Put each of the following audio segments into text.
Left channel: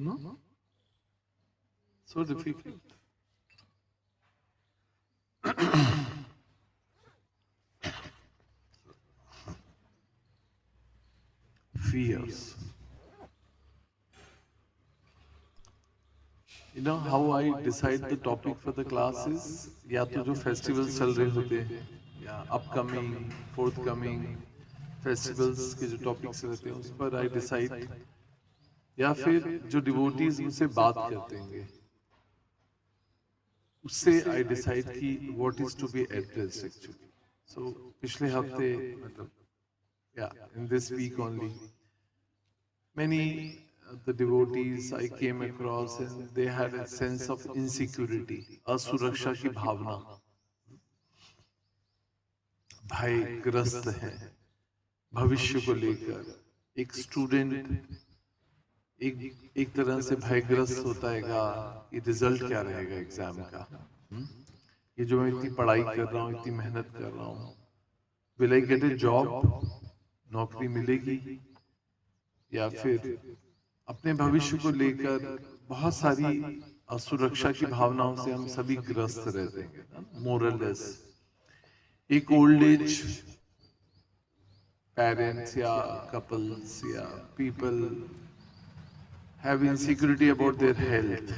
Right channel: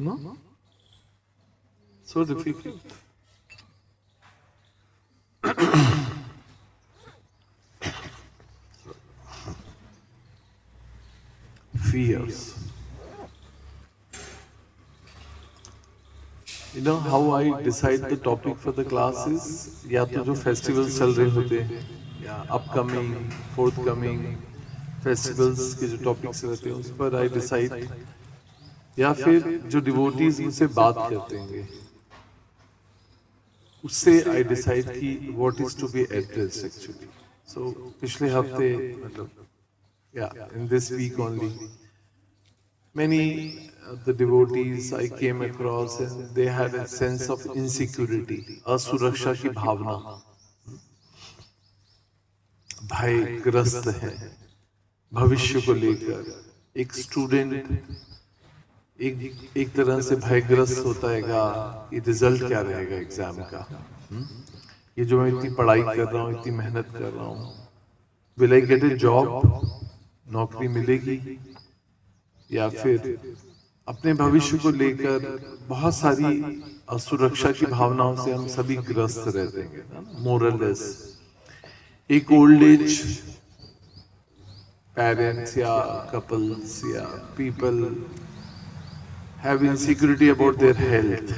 No? So difficult. Fears. You know how I decide the topic for the class is या तो जो festivals चल रहे होते हैं या upcoming, forthcoming festivals के जो topics रहते हैं उस पर I decide या फिर जो devotees मुझसे बात करते हैं उससे I decide कि what is to be addressed actually. So पिछले हफ्ते मतलब in this week only many the devotees I came across and they had a sense of insecurity, असुरक्षा की भावना, भयग्रस्त है भविष्य को लेकर। एक स्टूडेंट एक तरह से भयग्रस्त होता है कि रिजल्ट क्या रहेगा एग्जाम का। ये जो मैं इतनी पढ़ाई कर रहा हूँ, इतनी मेहनत कर रहा हूँ, will I get A job, नौकरी मिलेगी, या फिर अपने भविष्य को लेकर बहुत सारी असुरक्षा की भावनाओं से हम सभी ग्रस्त रहते हैं, मोरलेस। एक ओल्ड एज पेरेंट्स या कपल्स या people have insecurity about their health,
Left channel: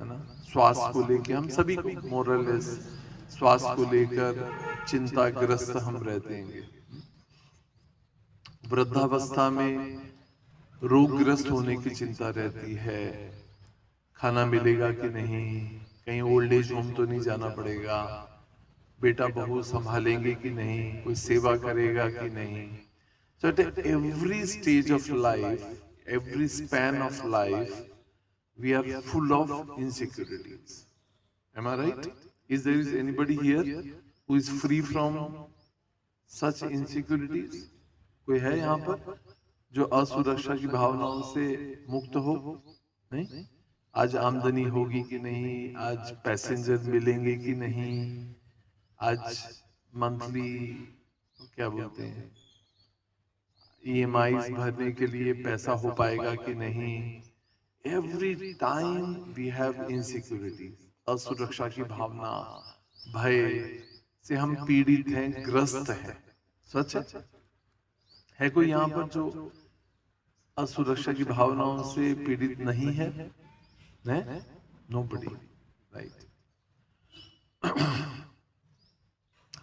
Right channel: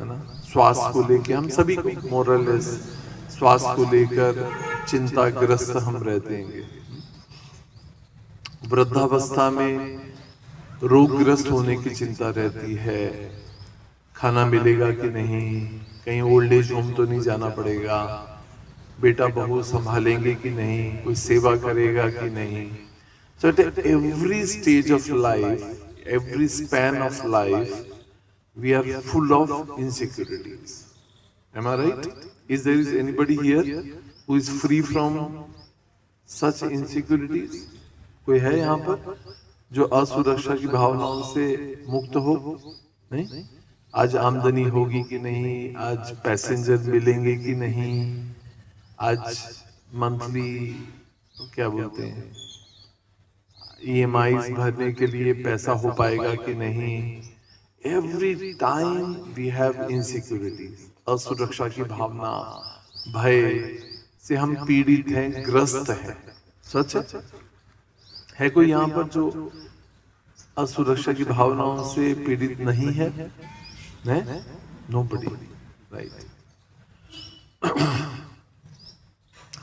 है ना, स्वास्थ्य को लेकर हम सभी को मोरलेस स्वास्थ्य को लेकर चिंताग्रस्त हम रहते हैं। वृद्धावस्था में रोगग्रस्त होने की चिंता रहती है, खाना मिलेगा कि नहीं, कहीं ओल्ड एज होम तो नहीं जाना पड़ेगा, बेटा बहू संभालेंगे कि नहीं, कोई सेवा करेगा कि नहीं। So at every stage of life, every span of life, we are full of insecurities. Am I right? Is there is anybody here who is free from such insecurities? कोई है यहाँ पर जो असुरक्षा की भावनाओं से मुक्त हो? नहीं? आज आमदनी होगी कि नहीं, आज पैसेंजर मिलेंगे कि नहीं, आज मंथली क्या बोलते हैं ईएमआईज भरने के लिए पैसा हो पाएगा कि नहीं। Every time we have insecurities, असुरक्षा की भावना, भय से हम पीड़ित हैं, ग्रस्त हैं। सच है कोई यहाँ पर जो असुरक्षा की भावनाओं से पीड़ित नहीं है? Nobody, right?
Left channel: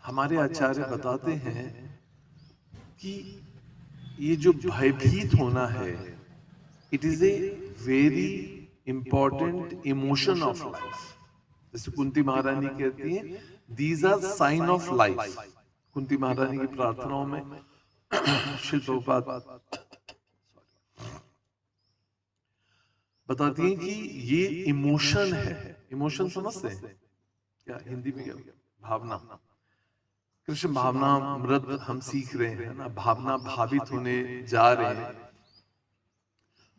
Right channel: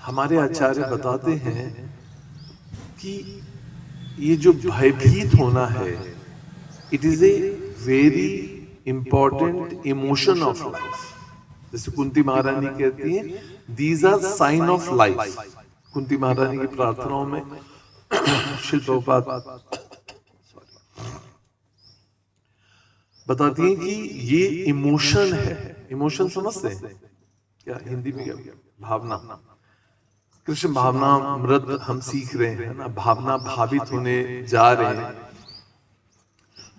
हमारे आचार्य बताते हैं कि ये जो भयभीत होना है, it is a very important emotion of life. जैसे कुंती महारानी कहती हैं, these are sign of life. Kunti Maharani की प्रार्थनाओं में श्री प्रभुपाद बताती हैं कि ये इमोशन है। इमोशन समझते हैं क्या हिंदी में? क्या भावना? कृष्ण भावना मृत हम सीख रहे हैं ना, भावना भावित होने जा रहे हैं,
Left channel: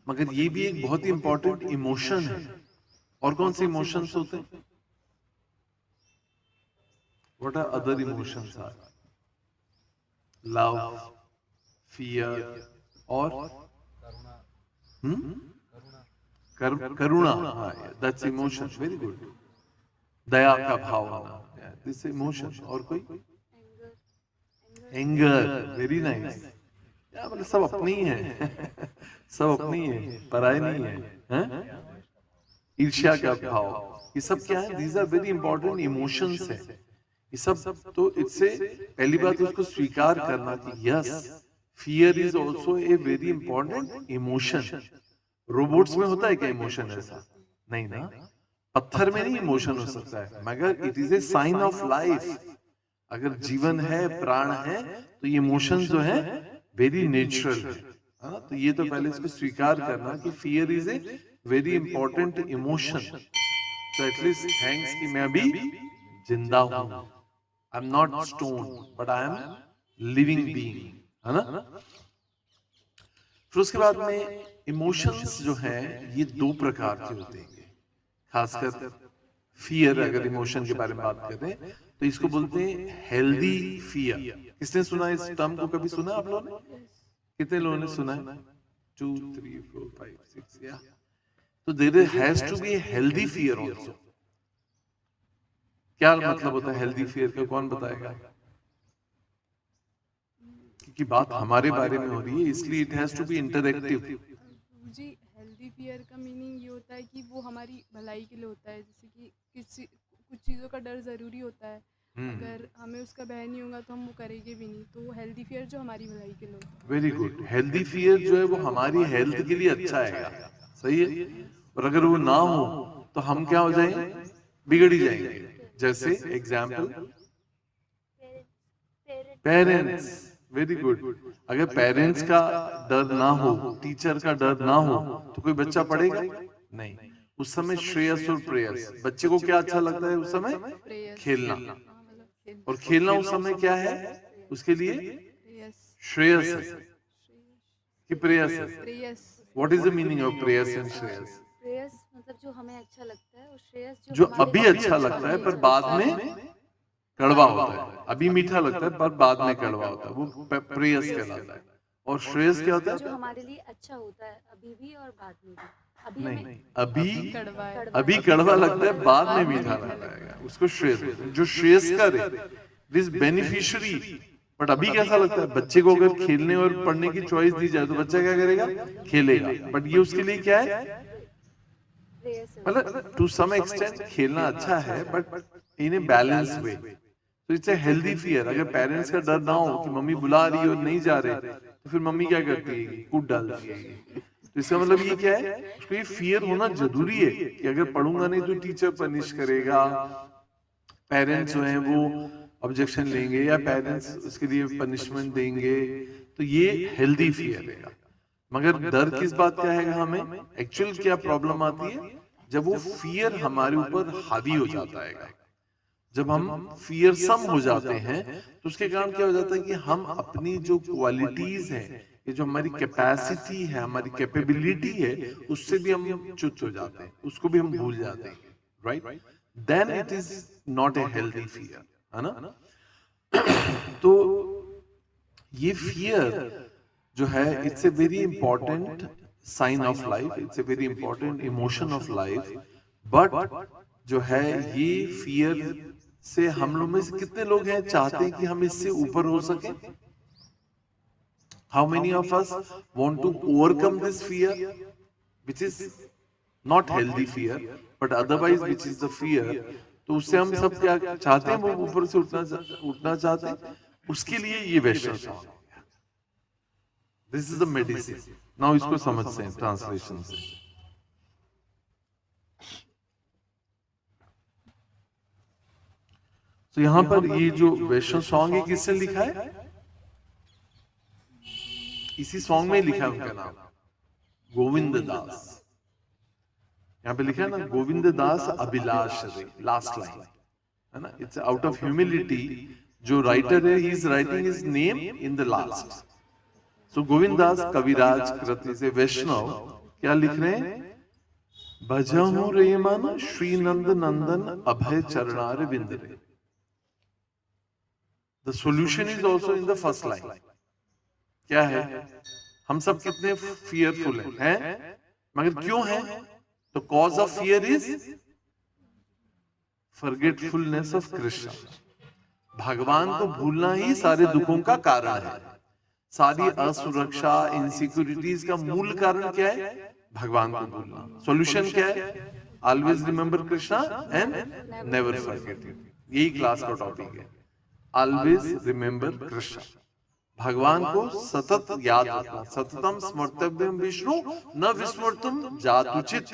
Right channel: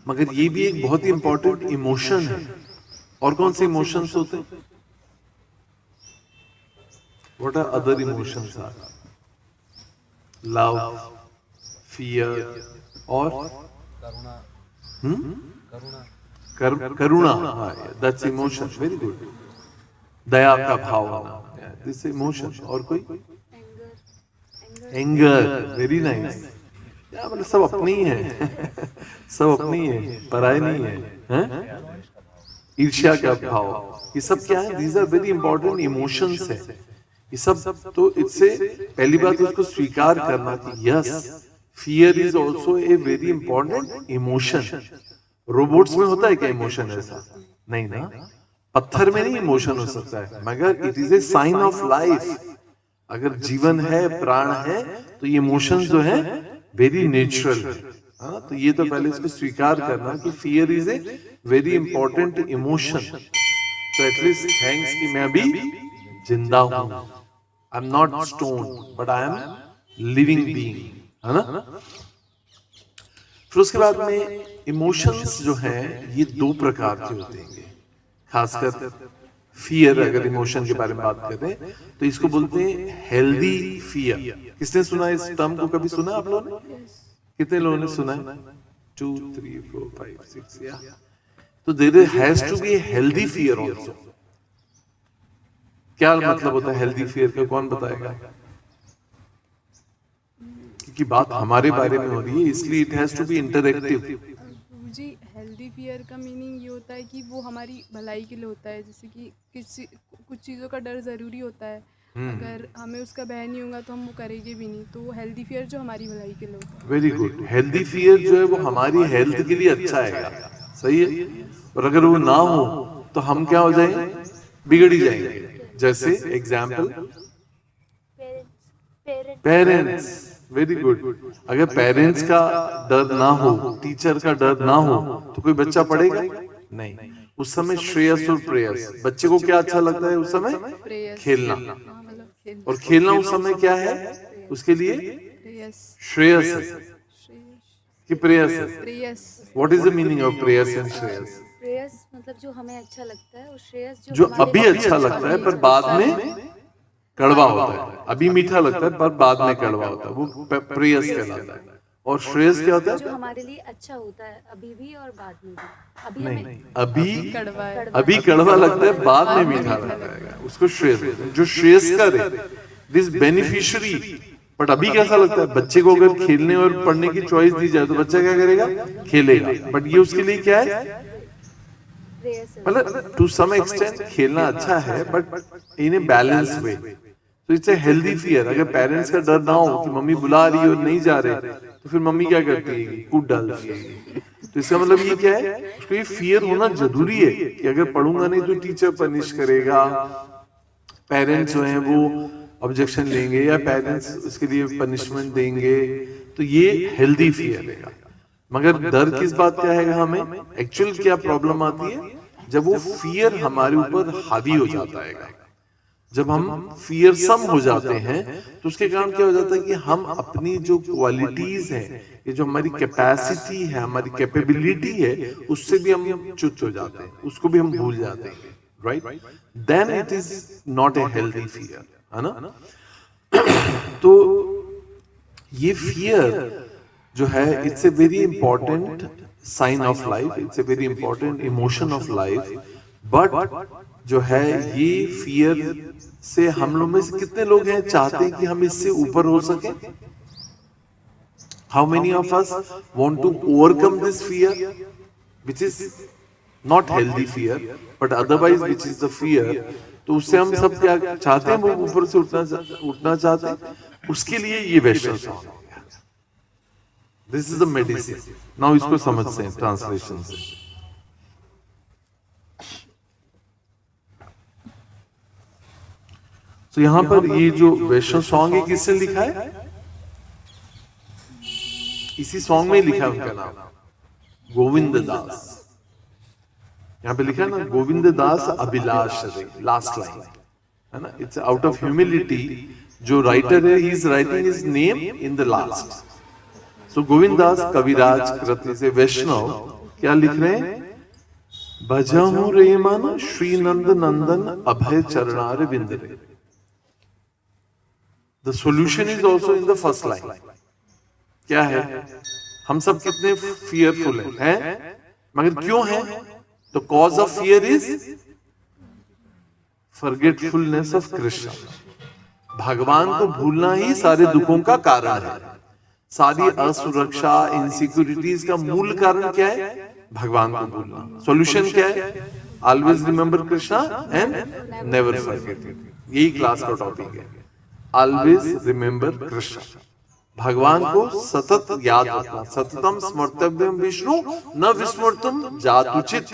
मगर ये भी एक बहुत ही इंपॉर्टेंट इमोशन है। और कौन से इमोशंस होते हैं? What are other emotions? Are love, fear और करुणा। That's emotion, very good. दया का भाव होना, दिस इमोशन। और कोई? Anger, very nice. मतलब सब अपने ही है सब अपनी है, पराये नहीं है, ईर्ष्या का भाव, ये सब क्या है? These are very important emotions है। ये सब तो इससे पहली बात इसको स्वीकार करना कि yes, fear is also a very important emotion. Robots में होता है क्या इमोशन? ऐसा नहीं ना, पत्थर में नहीं इमोशन हो सकता है, मगर it is a sign of life. अगर जीवन है, प्राण है, तो ये इमोशंस जो है वेरी नेचुरल है। हाँ, तो ये तो पहले इसको स्वीकार करना कि fear is a very important emotion. तो एटलीस्ट थैंक्स कि मैं अभी जिंदा हूं। I am not stone but I am living being, है ना? फिर उसके बाद में इमोशंस जो है ये दो प्रकार के होते हैं, खासकर फियर। अगर इमोशन के बारे में बात करें तो इसको बोलते हैं हेल्दी फियर। किसने सुना इस टर्म को? कभी सुना आप लोगों ने? कितने लोगों ने सुना है? 2 3 4 5 6 या तो there has to be a healthy fear also. क्या मतलब होता है हेल्दी फियर का, कौन बताएगा? क्योंकि बात हमारे बारे में हो रही है, इसलिए it has to be interactive. जी, हेल्दी फियर का मीनिंग ये होता है कि वो हमारी भलाई के लिए होता है। जैसे कि किसी कुछ चीज़ों का डर ज़रूरी होता है, अगर हमें उसका भय नहीं होगा तो हम वो करेंगे भी नहीं। तो हेल्दी फियर जो हमारी भलाई के लिए होता है। Very good. हेल्दी फियर जो है वो हमारी हेल्थ के लिए अच्छा है, सही है। और अगर वो ना हो तो हम क्या हो जाएंगे? बिगड़ ही जाएंगे। जैसे एग्जाम्पल, पेरेंट्स। Very good. अगर पेरेंट्स का डर ना हो, टीचर का डर ना हो, तो कोई बच्चा पढ़ेगा नहीं। उस समय श्रेयस और प्रेयस, बच्चे को क्या अच्छा लगता है उस समय? प्रेयस, खेलना। हाँ मतलब खेल, और खेलना उस समय क्या है उसके लिए? प्रेयस, श्रेयस है श्रेयस, कि प्रेयस है? प्रेयस। What is the meaning of preyas and shreyas? प्रेयस मतलब जो हमें अच्छा लगता है, और श्रेयस जो जो हमारे अभी लिए अच्छा लगता है पर बाद में कड़वा होता है। अभी मीठा लगता है पर बाद में कड़वा होता है, वो प्रेयस कहलाता है। और श्रेयस क्या होता जो है? हमारे लिए अच्छा होता है अभी भी और बाद में भी। अभी नहीं, हमें अभी कड़वा है, अभी कड़वा लगता है, बाद में मीठा लगता है, उसको श्रेयस बोलते हैं। जो श्रेयस कर दिस बेनिफिशियरी। बट अभी कैसा लगता है? बच्चे को अगर खेलने और पढ़ने की चॉइस दी जाए तो बच्चा क्या करेगा? खेलेगा। बट ये उसके लिए क्या है? प्रेयस है उसके मतलब लिए। टू सम एक्सटेंट खेलना अच्छा है but in a balance way. तो इट्स ए हेल्दी फियर। अगर पेरेंट्स का डर ना हो कि मम्मी बुला रही है और नहीं जा रहे, तो फिर मम्मी क्या करती है? कूद डालती है। तो इसका मतलब ये क्या है? उसको ये फियर होना जरूरी है कि अगर पढ़ूंगा नहीं तो टीचर पनिश करेगा, पेरेंट्स जो हैं वो ऑब्जेक्शन लेंगे या पेरेंट्स उसके लिए पनिशमेंट देंगे। तो ये हेल्दी फियर है। मगर डर किस बात का है? हमें एक्चुअल क्या प्रॉब्लम आती है? जब वो फियर हमारे ऊपर हावी हो जाता है, जब हम फियरसम हो जाते हैं, तो उसके कारण क्या हो जाता है कि हम अपनी जो क्वालिटीज हैं, ये जो हमारी कैपेसिटी है, हमारी कैपेबिलिटी है, उससे भी हम च्युत हो जाते हैं, उसको भी हम भूल जाते हैं। Right? Then it is not a healthy fear, है ना? तो ये फियर जो है, it's a very important sign of life, it's a very important emotion of life. But जो है ये फियर से हम लोग में से कितने लोग हैं चाहते हैं कि हम इससे ऊपर हो सके? How many of us want to overcome this fear which is not healthy fear but otherwise which is the fear? तो उससे हम सब क्या चाहते हैं? वो ऊपर से उठना चाहते हैं। उसके लिए ये Vaishnava song, this is the medicine. Now इसको समझते हैं ट्रांसलेशन से। तो यहां पर ये जो वैष्णव सॉन्ग है किसने लिखा है? इसी सॉन्ग में लिखा है उनका नाम, गोविंद दास। यहाँ पे लिखा है ना, गोविंद दास अभिलाष रे, लास्ट लाइन है ना। It's out of humility. जो राइटर है he is writing his name in the last. So Govind Das Kaviraj कृति से वैष्णव क्या लिख रहे हैं? भजहूं रे मन श्री नंद नंदन अभय चरणार विंद रे। The solution is also in the first line. क्या है? हम सब कितने फियरफुल हैं? मगर क्यों हैं? तो cause of fear is forgetfulness of Krishna. भगवान को भूलना ही सारे दुखों का कारण है। सारी असुरक्षा, इनसिक्योरिटीज का मूल कारण क्या है? भगवान को भूलना। सॉल्यूशन क्या है? Always remember Krishna and never forget him. यही क्लास का टॉपिक है, ऑलवेज रिमेंबर कृष्ण। भगवान को सतत याद रखना। सततम स्मर्तव्यम विष्णु न विस्मृतम जातुचित।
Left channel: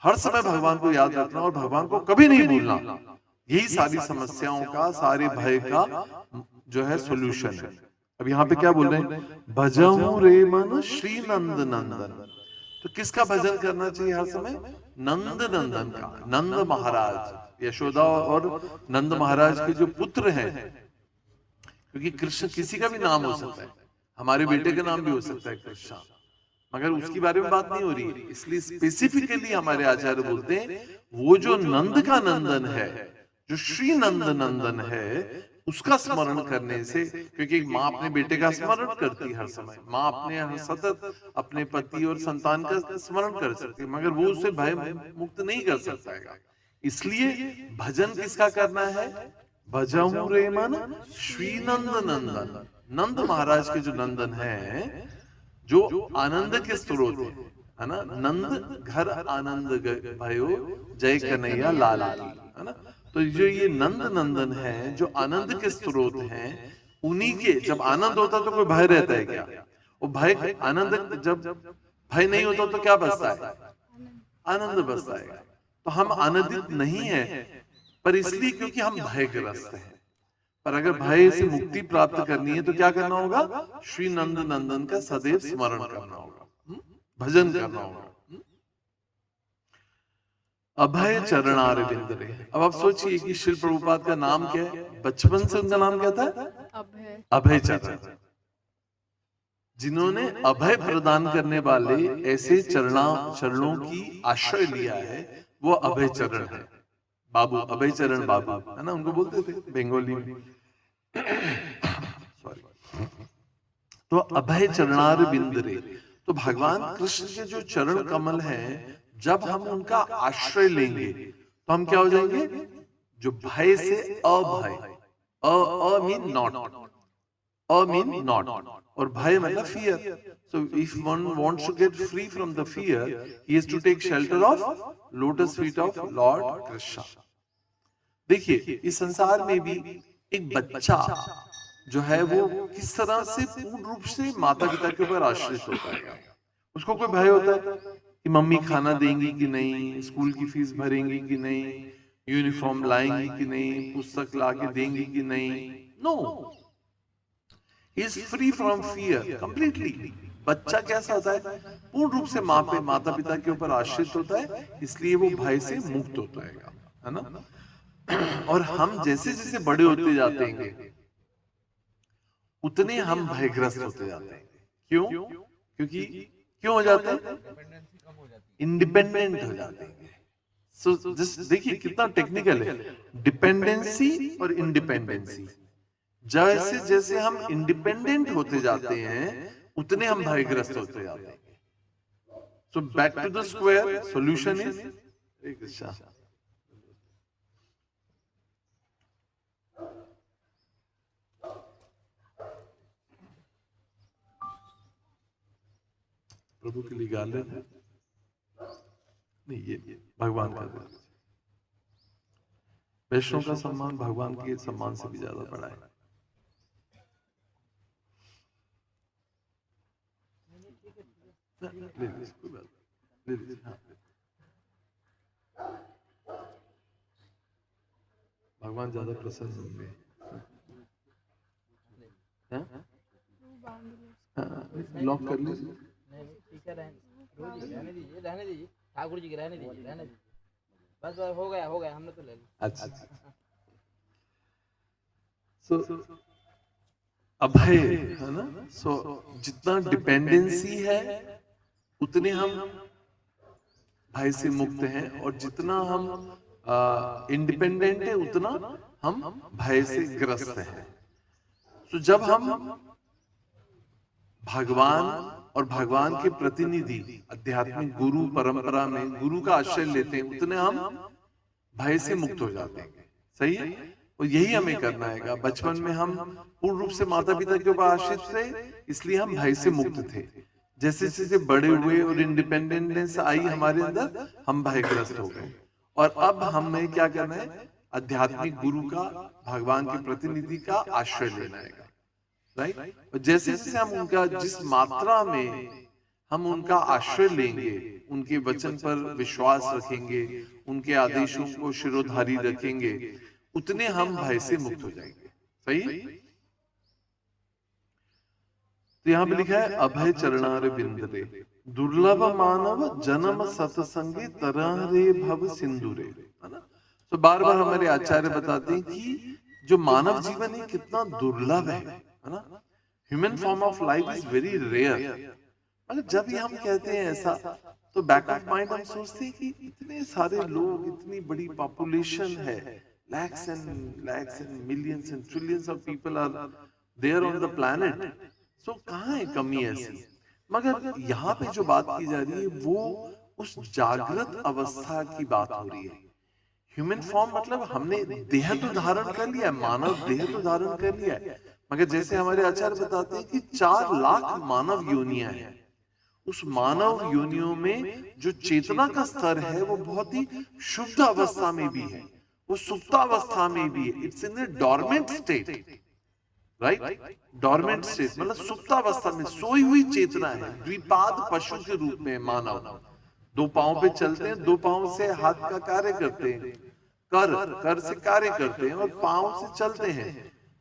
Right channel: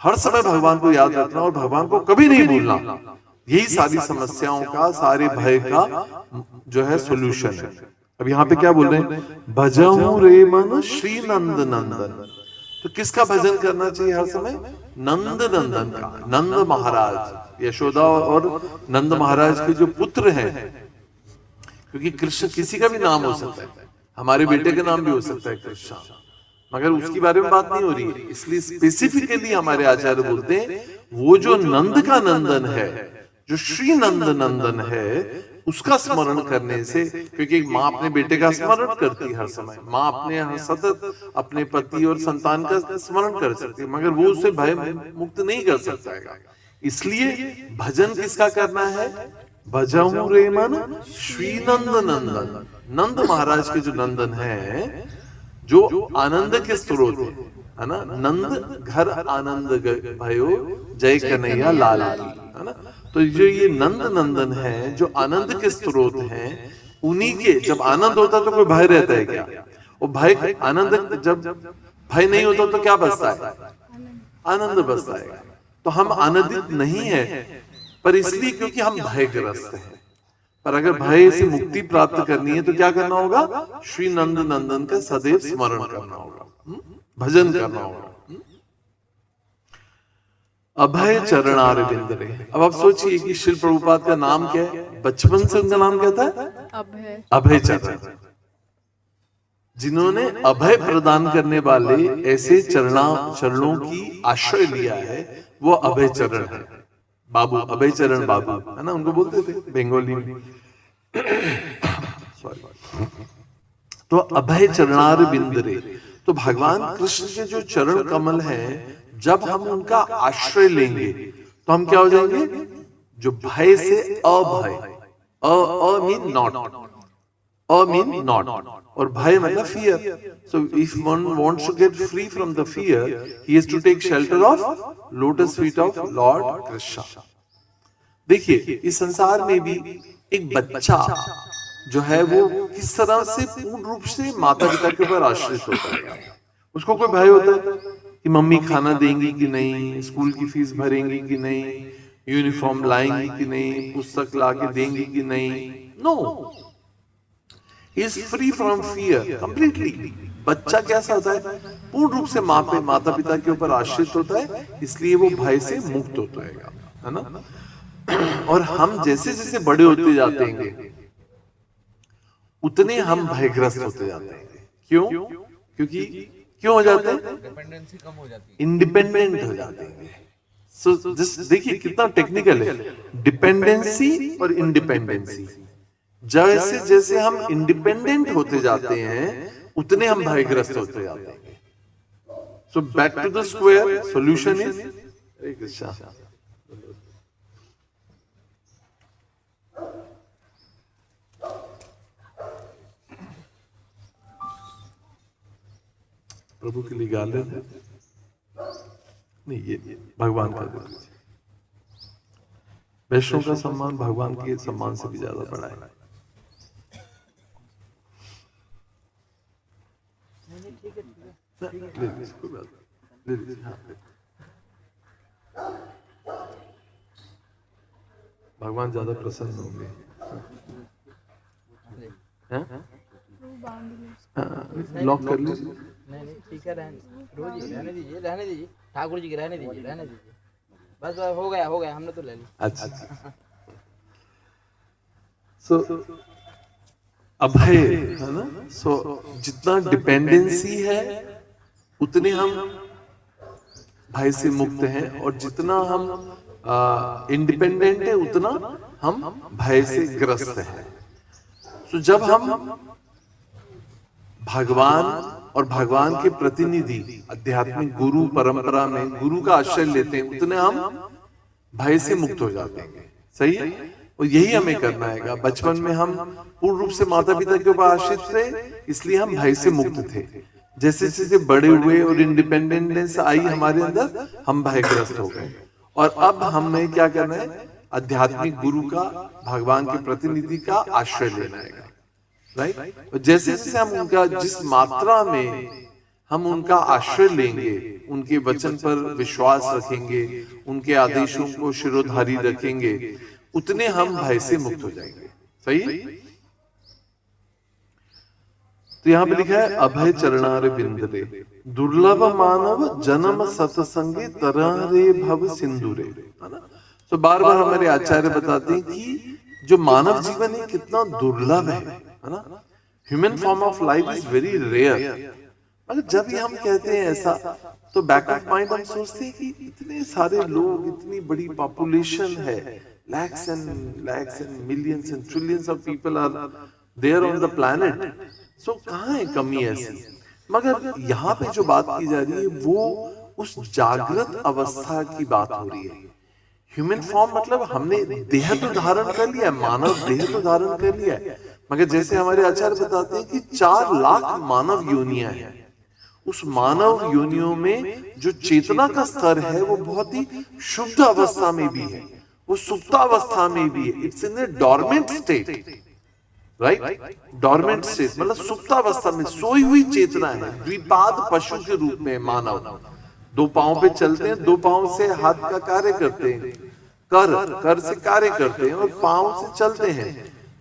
हर समय भगवान को याद रखना और भगवान को कभी नहीं भूलना। यही सारी समस्याओं का, सारे भय का जो है सॉल्यूशन है। अब यहाँ पे क्या बोल रहे हैं? भजहूं रे मन श्री नंद नंदन। तो किसका भजन करना चाहिए हर समय? नंद नंदन का। नंद महाराज, यशोदा और नंद महाराज के जो पुत्र हैं, क्योंकि कृष्ण किसी का भी नाम हो सकता है, हमारे बेटे का नाम भी हो सकता है कृष्ण, मगर उसके बारे में बात नहीं हो रही है। इसलिए स्पेसिफिकली हमारे आचार्य बोलते हैं वो जो नंद का नंदन है, जो श्री नंद नंदन है, उसका स्मरण करने से, क्योंकि एक माँ अपने बेटे का स्मरण करती है हर समय, माँ अपने हर सतत अपने पति और संतान का स्मरण कर सकती है, मगर वो उसे भय मुक्त नहीं कर सकता है। इसलिए भजन किसका करना है? भजहु रे मन श्री नंद नंदन। नंद महाराज के जो नंदन है, जो आनंद के स्रोत है ना, नंद घर आनंद भयो जय कन्हैया लाल की, है ना। तो जो ये नंद नंदन है, जो आनंद के स्रोत हैं, उन्हीं के जब आनंद होता तो कोई भय रहता है क्या? और भय आनंद जब भय नहीं होता तो क्या बचता है? आनंद। आनंद बसता है। तो हम आनंदित नहीं है, पर इसलिए क्योंकि हम भयग्रस्त हैं। पर अगर भय से मुक्ति प्राप्त करनी है तो क्या करना होगा? श्री नंद नंदन का सदैव स्मरण करना होगा, भजन करना होगा। अभय चरणार बिंदरे। अब आप सोचिए कि श्री प्रभुपाद का नाम क्या है? बचपन से उनका नाम क्या था? अभय। अभय चरण। जिन्होंने अभय प्रदान करने वाले ऐसे चरणों की आश्रय लिया है, वो अभय चरण है। बाबू, अभय चरण बाबू, है ना, उनको बोलते थे बंगाली में। तो अभय चरणार बिंदरे, तो भगवान कृष्ण के जो चरण कमल हैं, जब हम उनका आश्रय लेंगे तो हम क्या हो जाएंगे? जो भय से अभय, I mean not, I mean not, और भय मतलब fear. So if one wants to get free from the fear, he has to take shelter of lotus feet of Lord Krishna. देखिए, इस संसार में भी एक बच्चा जो है वो किस तरह से पूर्ण रूप से माता पिता के ऊपर आश्रित होता है। उसको कोई भय होता है कि मम्मी खाना देंगी कि नहीं, स्कूल की फीस भरेंगी कि नहीं, यूनिफॉर्म लाएंगी कि नहीं, पुस्तक ला के देंगी कि नहीं। No, he is free from fear completely. बच्चा कैसा होता है? पूर्ण रूप से माता पिता के ऊपर आश्रित होता है, इसलिए वो भय से मुक्त होता है ना। और हम जैसे जैसे बड़े होते जाते हैं, उतने हम भयग्रस्त होते जाते हैं। क्यों? क्योंकि क्यों हो जाते हैं? डिपेंडेंसी कम हो जाती है, इंडिपेंडेंट हो जाते हैं। सो देखिए कितना टेक्निकल है, डिपेंडेंसी और इंडिपेंडेंसी। जैसे जैसे हम इंडिपेंडेंट होते जाते हैं, उतने हम भयग्रस्त होते जाते हैं। So back to the square, solution is Hare Krishna. प्रभु के लिए गा लेते नहीं, ये भगवान का दिल। वैष्णव का सम्मान भगवान के सम्मान से भी ज्यादा बड़ा है। ले लीजिए, कोई बात नहीं, ले लीजिए, हाँ। भगवान ज्यादा प्रसन्न होंगे। वो बांध लो। लॉक कर लीजिए। नहीं ठीक है, रहने दीजिए, रहने दीजिए ठाकुर जी के, रहने दीजिए, रहने दीजिए, बस हो गया, हमने तो ले लिया। अच्छा, सो अभय है ना। सो जितना डिपेंडेंसी है, उतने हम भय से मुक्त हैं, और जितना हम इंडिपेंडेंट है, उतना हम भय से ग्रस्त हैं। तो जब हम भगवान और भगवान के प्रतिनिधि आध्यात्मिक गुरु परंपरा में गुरु का आश्रय लेते हैं, उतने हम भय से मुक्त हो जाते हैं। सही है, और यही हमें करना है। बचपन में हम पूर्ण रूप से माता पिता के ऊपर आश्रित थे, इसलिए हम भय से मुक्त थे। जैसे जैसे बड़े हुए और इंडिपेंडेंस आई हमारे अंदर, हम भयग्रस्त हो गए। और अब हमें क्या करना है? आध्यात्मिक गुरु का, भगवान के प्रतिनिधि का आश्रय लेना है, राइट। और जैसे जैसे हम उनका, जिस मात्रा में हम उनका आश्रय लेंगे, उनके वचन पर विश्वास रखेंगे, उनके आदेशों को शिरोधारी रखेंगे, उतने हम भय से मुक्त हो जाएंगे। सही। तो यहाँ पे लिखा है अभय चरणार बिंदरे, दुर्लभ मानव जन्म सतसंगे तरह रे भव सिंधुरे, है ना। तो बार बार हमारे आचार्य बताते हैं कि जो मानव जीवन है कितना दुर्लभ है ना। Human form of life is very rare. मतलब जब भी हम कहते हैं ऐसा, तो बैक ऑफ माइंड हम सोचते हैं कि इतने सारे लोग, इतनी बड़ी पॉपुलेशन है, lakhs and millions and trillions of people are there on the planet. So कहाँ है कमी ऐसी? मगर यहाँ पे जो बात की जा रही है वो उस जागृत अवस्था की बात हो रही है। ह्यूमन फॉर्म मतलब हमने देह तो धारण कर लिया, मानव देह तो धारण कर लिया है, मगर जैसे हमारे आचार्य बताते हैं कि 4 लाख मानव योनियां हैं। उस मानव योनियों में जो चेतना का स्तर है वो बहुत ही शुद्ध अवस्था में भी है, वो सुप्तावस्था में भी है। It's in A dormant state, right? Dormant state मतलब सुप्तावस्था में सोई हुई चेतना है। द्विपाद पशु के रूप में मानव 2 पांव पे चलते हैं, 2 पांव से हाथ का कार्य करते हैं, कर से कार्य करते हैं और पांव से चलते हैं।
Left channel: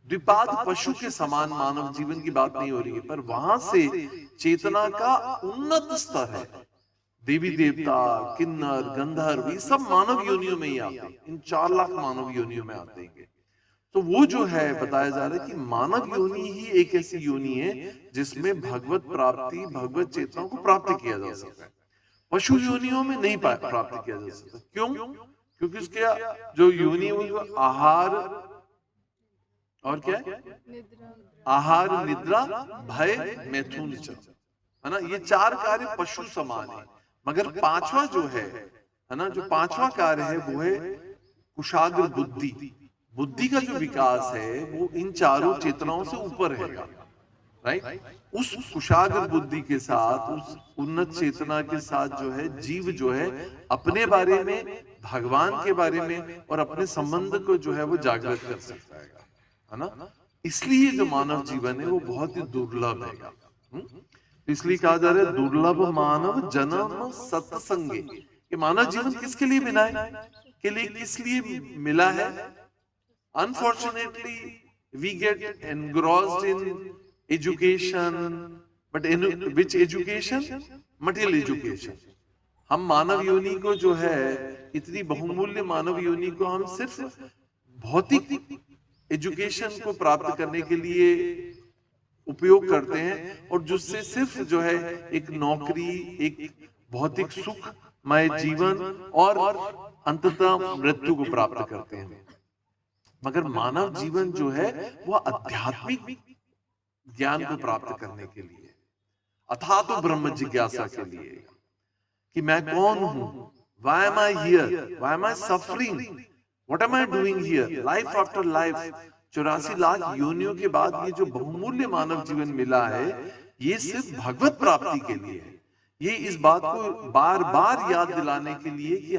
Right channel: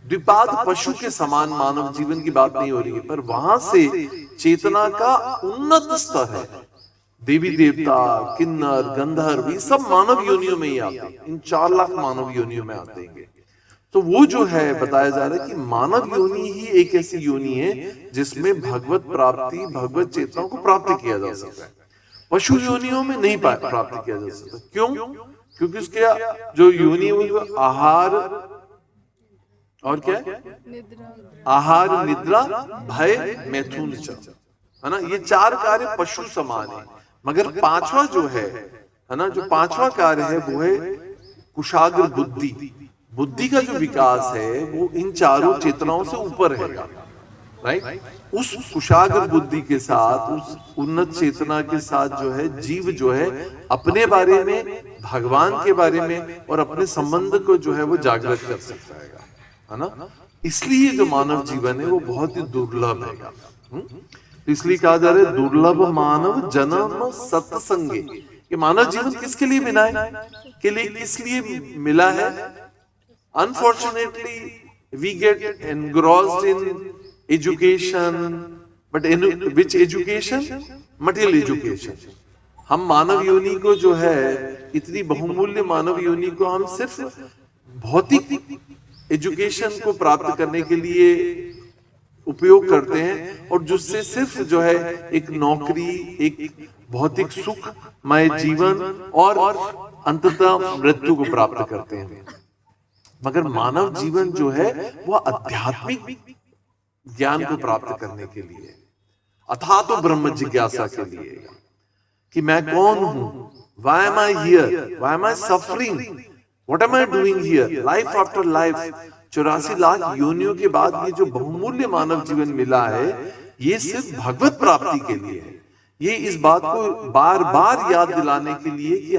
द्विपाद पशु के समान मानव जीवन की बात नहीं हो रही है, पर वहां से चेतना का उन्नत स्तर है। देवी देवता, किन्नर, गंधर्व, ये सब मानव योनियों में ही आते हैं। इन 4 लाख मानव योनियों में आते हैं। तो वो जो है बताया जा रहा है कि मानव योनि ही एक ऐसी योनि है जिसमें भगवत प्राप्ति, भगवत चेतनाओं को प्राप्त किया जा सकता है। पशु योनियों में नहीं प्राप्त किया जा सकता। क्यों? क्योंकि उसके जो योनि है वो आहार और क्या है? आहार, निद्रा, भय, मैथुन, है ना? ये 4 कार्य पशु समान है। मगर 5वां जो है ना, जो 5वां कार्य है वो है कुशाग्र बुद्धि। बुद्धि का जो विकास है वो इन चारों चेतनाओं से ऊपर है, राइट? उस कुशाग्र बुद्धि के साथ, उस उन्नत चेतना के साथ जो है जीव जो है अपने बारे में, भगवान के बारे में और अपने संबंध को जो है वो जागृत कर सकता है ना? इसलिए जो मानव जीवन है वो बहुत ही दुर्लभ है। इसलिए कहा जा रहा है दुर्लभ मानव जन्म सत्संगे। कि मानव जीवन किसके लिए मिला है? के लिए किस लिए मिला है? Unfortunately, we get engrossed in education, but in which education? Material education. हम मानव योनि को जो है, इतनी बहुमूल्य मानव योनि को हम सिर्फ भौतिक एजुकेशन को प्राप्त करने के लिए उपयोग करते हैं और जिससे सिर्फ जो है एक नौकरी, एक भौतिक सुखमय जीवन और अंततः मृत्यु को प्राप्त करते हैं। मगर मानव जीवन जो है वो आध्यात्मिक ज्ञान को प्राप्त करने के लिए, अथाह तो ब्रह्म जिज्ञासा के लिए कि मैं कौन हूं, why am I here, why am I suffering, what am I doing here, life after life। 84 lakh योनियों के बाद ये जो बहुमूल्य मानव जीवन मिला है ये सिर्फ भगवत प्राप्ति के लिए है। ये इस बात को बार बार याद दिलाने के लिए कि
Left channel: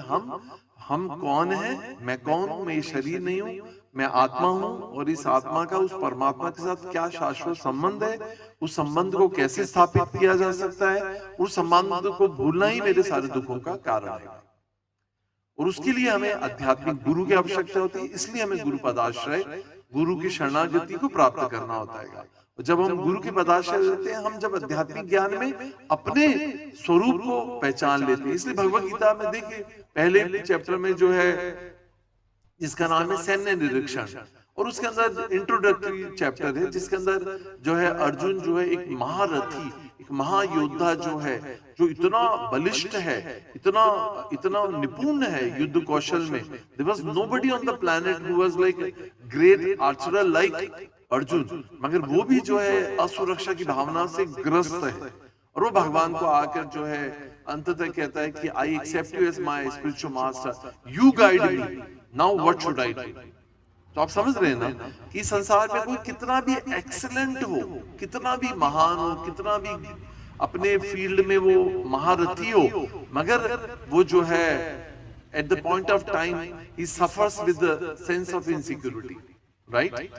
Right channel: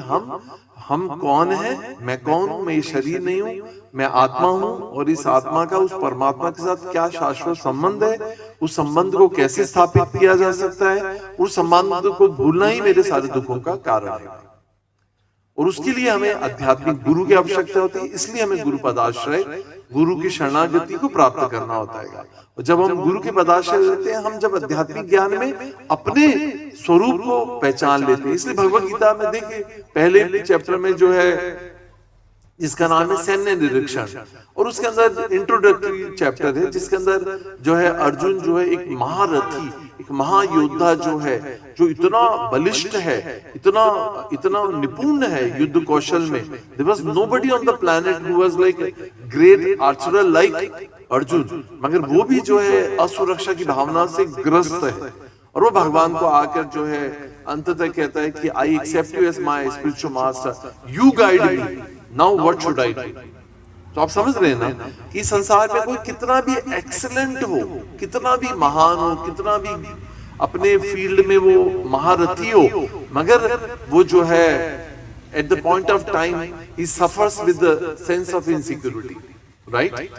हम कौन हैं, मैं कौन हूं, मैं ये शरीर नहीं हूं, मैं आत्मा हूं और इस आत्मा का उस परमात्मा के साथ क्या शाश्वत संबंध है, उस संबंध को कैसे स्थापित किया जा सकता है, उस संबंध को भूलना ही मेरे सारे दुखों का कारण है। और उसके लिए हमें आध्यात्मिक गुरु की आवश्यकता होती है। इसलिए हमें गुरु पदाश्रय, गुरु की शरणागति को प्राप्त करना होता है। और जब हम गुरु के पदाश्रय लेते हैं, हम जब आध्यात्मिक ज्ञान में अपने स्वरूप को पहचान लेते हैं। इसलिए भगवत गीता में देखिए पहले चैप्टर में जो है जिसका नाम है सैन्य निरीक्षण, और उसके अंदर इंट्रोडक्टरी चैप्टर है जिसके अंदर जो है अर्जुन जो है एक महारथी, एक महायोद्धा जो है, जो इतना बलिष्ठ है, इतना निपुण है युद्ध कौशल में। There was nobody on the planet who was like a great archer like Arjun, मगर वो भी जो है असुरक्षा की भावना से ग्रस्त है। और वो भगवान को आकर जो है अंततः कहता है कि I accept you as my spiritual master, you guide me, now what should I do. तो आप समझ रहे हैं ना कि संसार में कोई कितना भी एक्सीलेंट हो, कितना भी महान हो, कितना भी अपने फील्ड में वो महारथी हो, मगर वो जो है at the point of time he suffers with the sense of insecurity, right?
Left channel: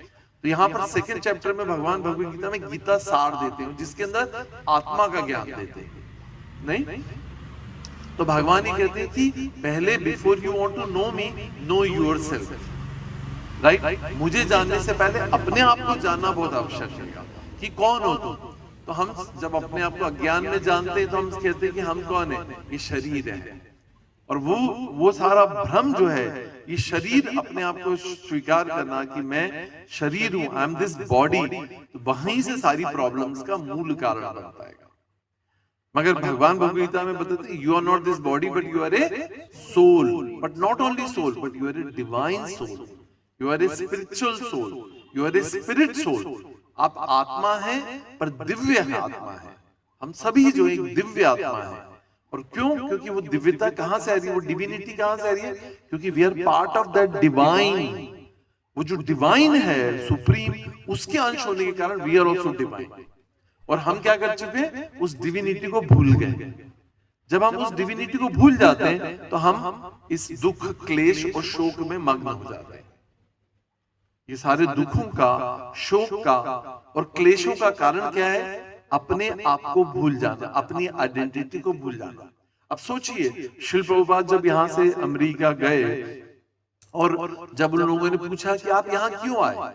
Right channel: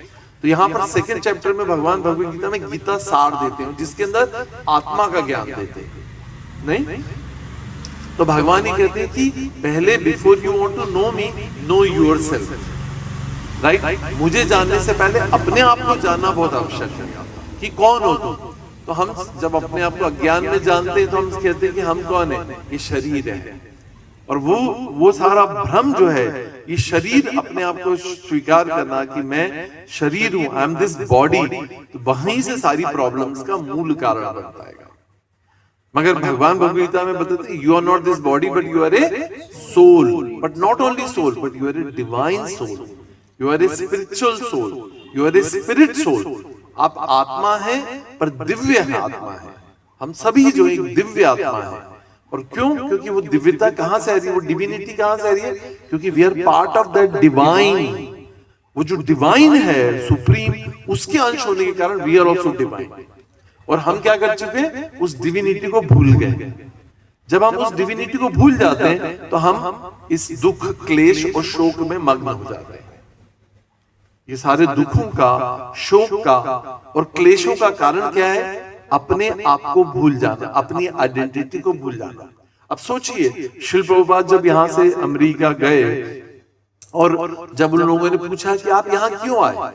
तो यहाँ पर सेकंड चैप्टर में भगवान भगवत गीता में गीता सार देते हैं जिसके अंदर आत्मा का ज्ञान देते हैं। नहीं तो भगवान ही कहते हैं कि पहले before you want to know me, know yourself, right? मुझे जानने से पहले अपने आप को जानना बहुत आवश्यक है कि कौन हो तुम। तो हम जब अपने आप को अज्ञान में जानते हैं तो हम कहते हैं कि हम कौन है, ये शरीर है। और वो सारा भ्रम जो है, ये शरीर अपने आप को स्वीकार करना कि मैं शरीर हूं, आई एम दिस बॉडी, तो वहीं से सारी प्रॉब्लम्स का मूल कारण बनता है। मगर भगवान भगवद गीता में बताते हैं, you are not this body but you are a soul, but not only soul but you are a divine soul, you are a spiritual soul, you are a spirit soul. आप आत्मा है पर दिव्य आत्मा है। हम सभी जो एक दिव्य आत्मा है। और क्यों? क्योंकि वो दिव्यता कहां से आ रही है, वो डिविनिटी कहां से आ रही है? क्योंकि we are part of that divine. वो जो डिवाइन है सुप्रीम, उसके अंश होने के कारण वी आर ऑल्सो डिवाइन। और हम क्या कर चुके हैं? उस डिविनिटी को भूल गए। जब हम उस डिविनिटी को भूल जाते हैं तो हम इस दुख, क्लेश और शोक में मग्न हो जाते हैं। ये सारे दुखों का, शोक का और क्लेशों का कारण क्या है? अपने आप को भूल जाना, अपनी आइडेंटिटी को भूल जाना। अब सोचिए, शिल प्रभुपाद जब यहां से अमेरिका गए और जब उन लोगों ने पूछा कि आप यहाँ क्यों आए,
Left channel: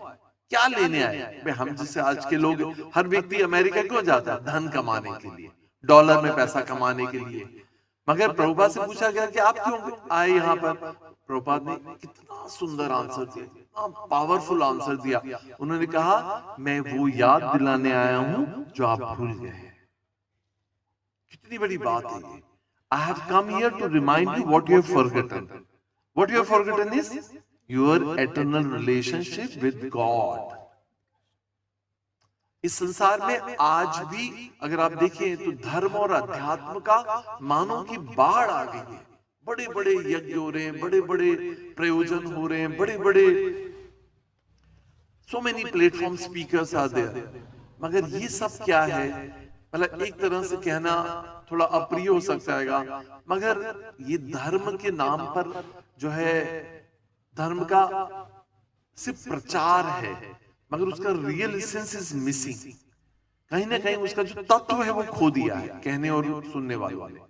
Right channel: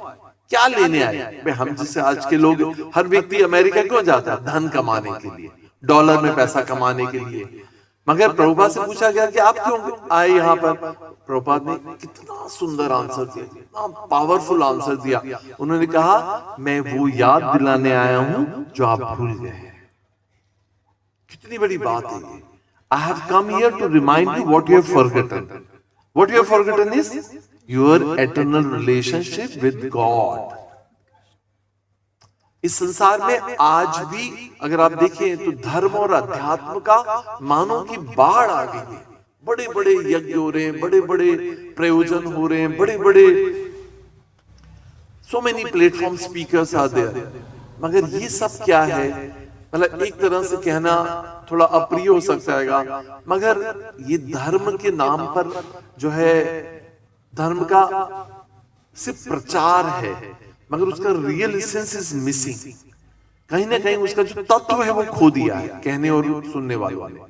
क्या लेने आए? भाई हम जैसे आज के लोग, हर व्यक्ति अमेरिका क्यों जाता है? धन कमाने के लिए, डॉलर में पैसा कमाने के लिए। मगर प्रभुपाद से पूछा गया कि आप क्यों आए यहाँ पर? प्रभुपाद ने कितना सुंदर आंसर दिया, कितना पावरफुल आंसर दिया। उन्होंने कहा, मैं वो याद दिलाने आया हूं जो आप भूल गए हैं। कितनी बड़ी बात है ये। I have come here to remind you what you have forgotten. What you have forgotten is your eternal relationship with God. इस संसार में आज भी अगर आप देखें तो धर्म और अध्यात्म का मानो की बाढ़ आ गई है। बड़े बड़े यज्ञ हो रहे हैं, बड़े बड़े प्रयोजन हो रहे हैं, बड़े बड़े so many platform speakers are there। मगर ये सब क्या है? मतलब एक तरह से कहना थोड़ा अप्रिय हो सकता है, मगर ये धर्म के नाम पर जो है, धर्म का सिर्फ प्रचार है, मगर उसका रियल एसेंस इज मिसिंग। कहीं ना कहीं उसका जो तत्व है वो खो दिया है कहने और सुनने वालों ने।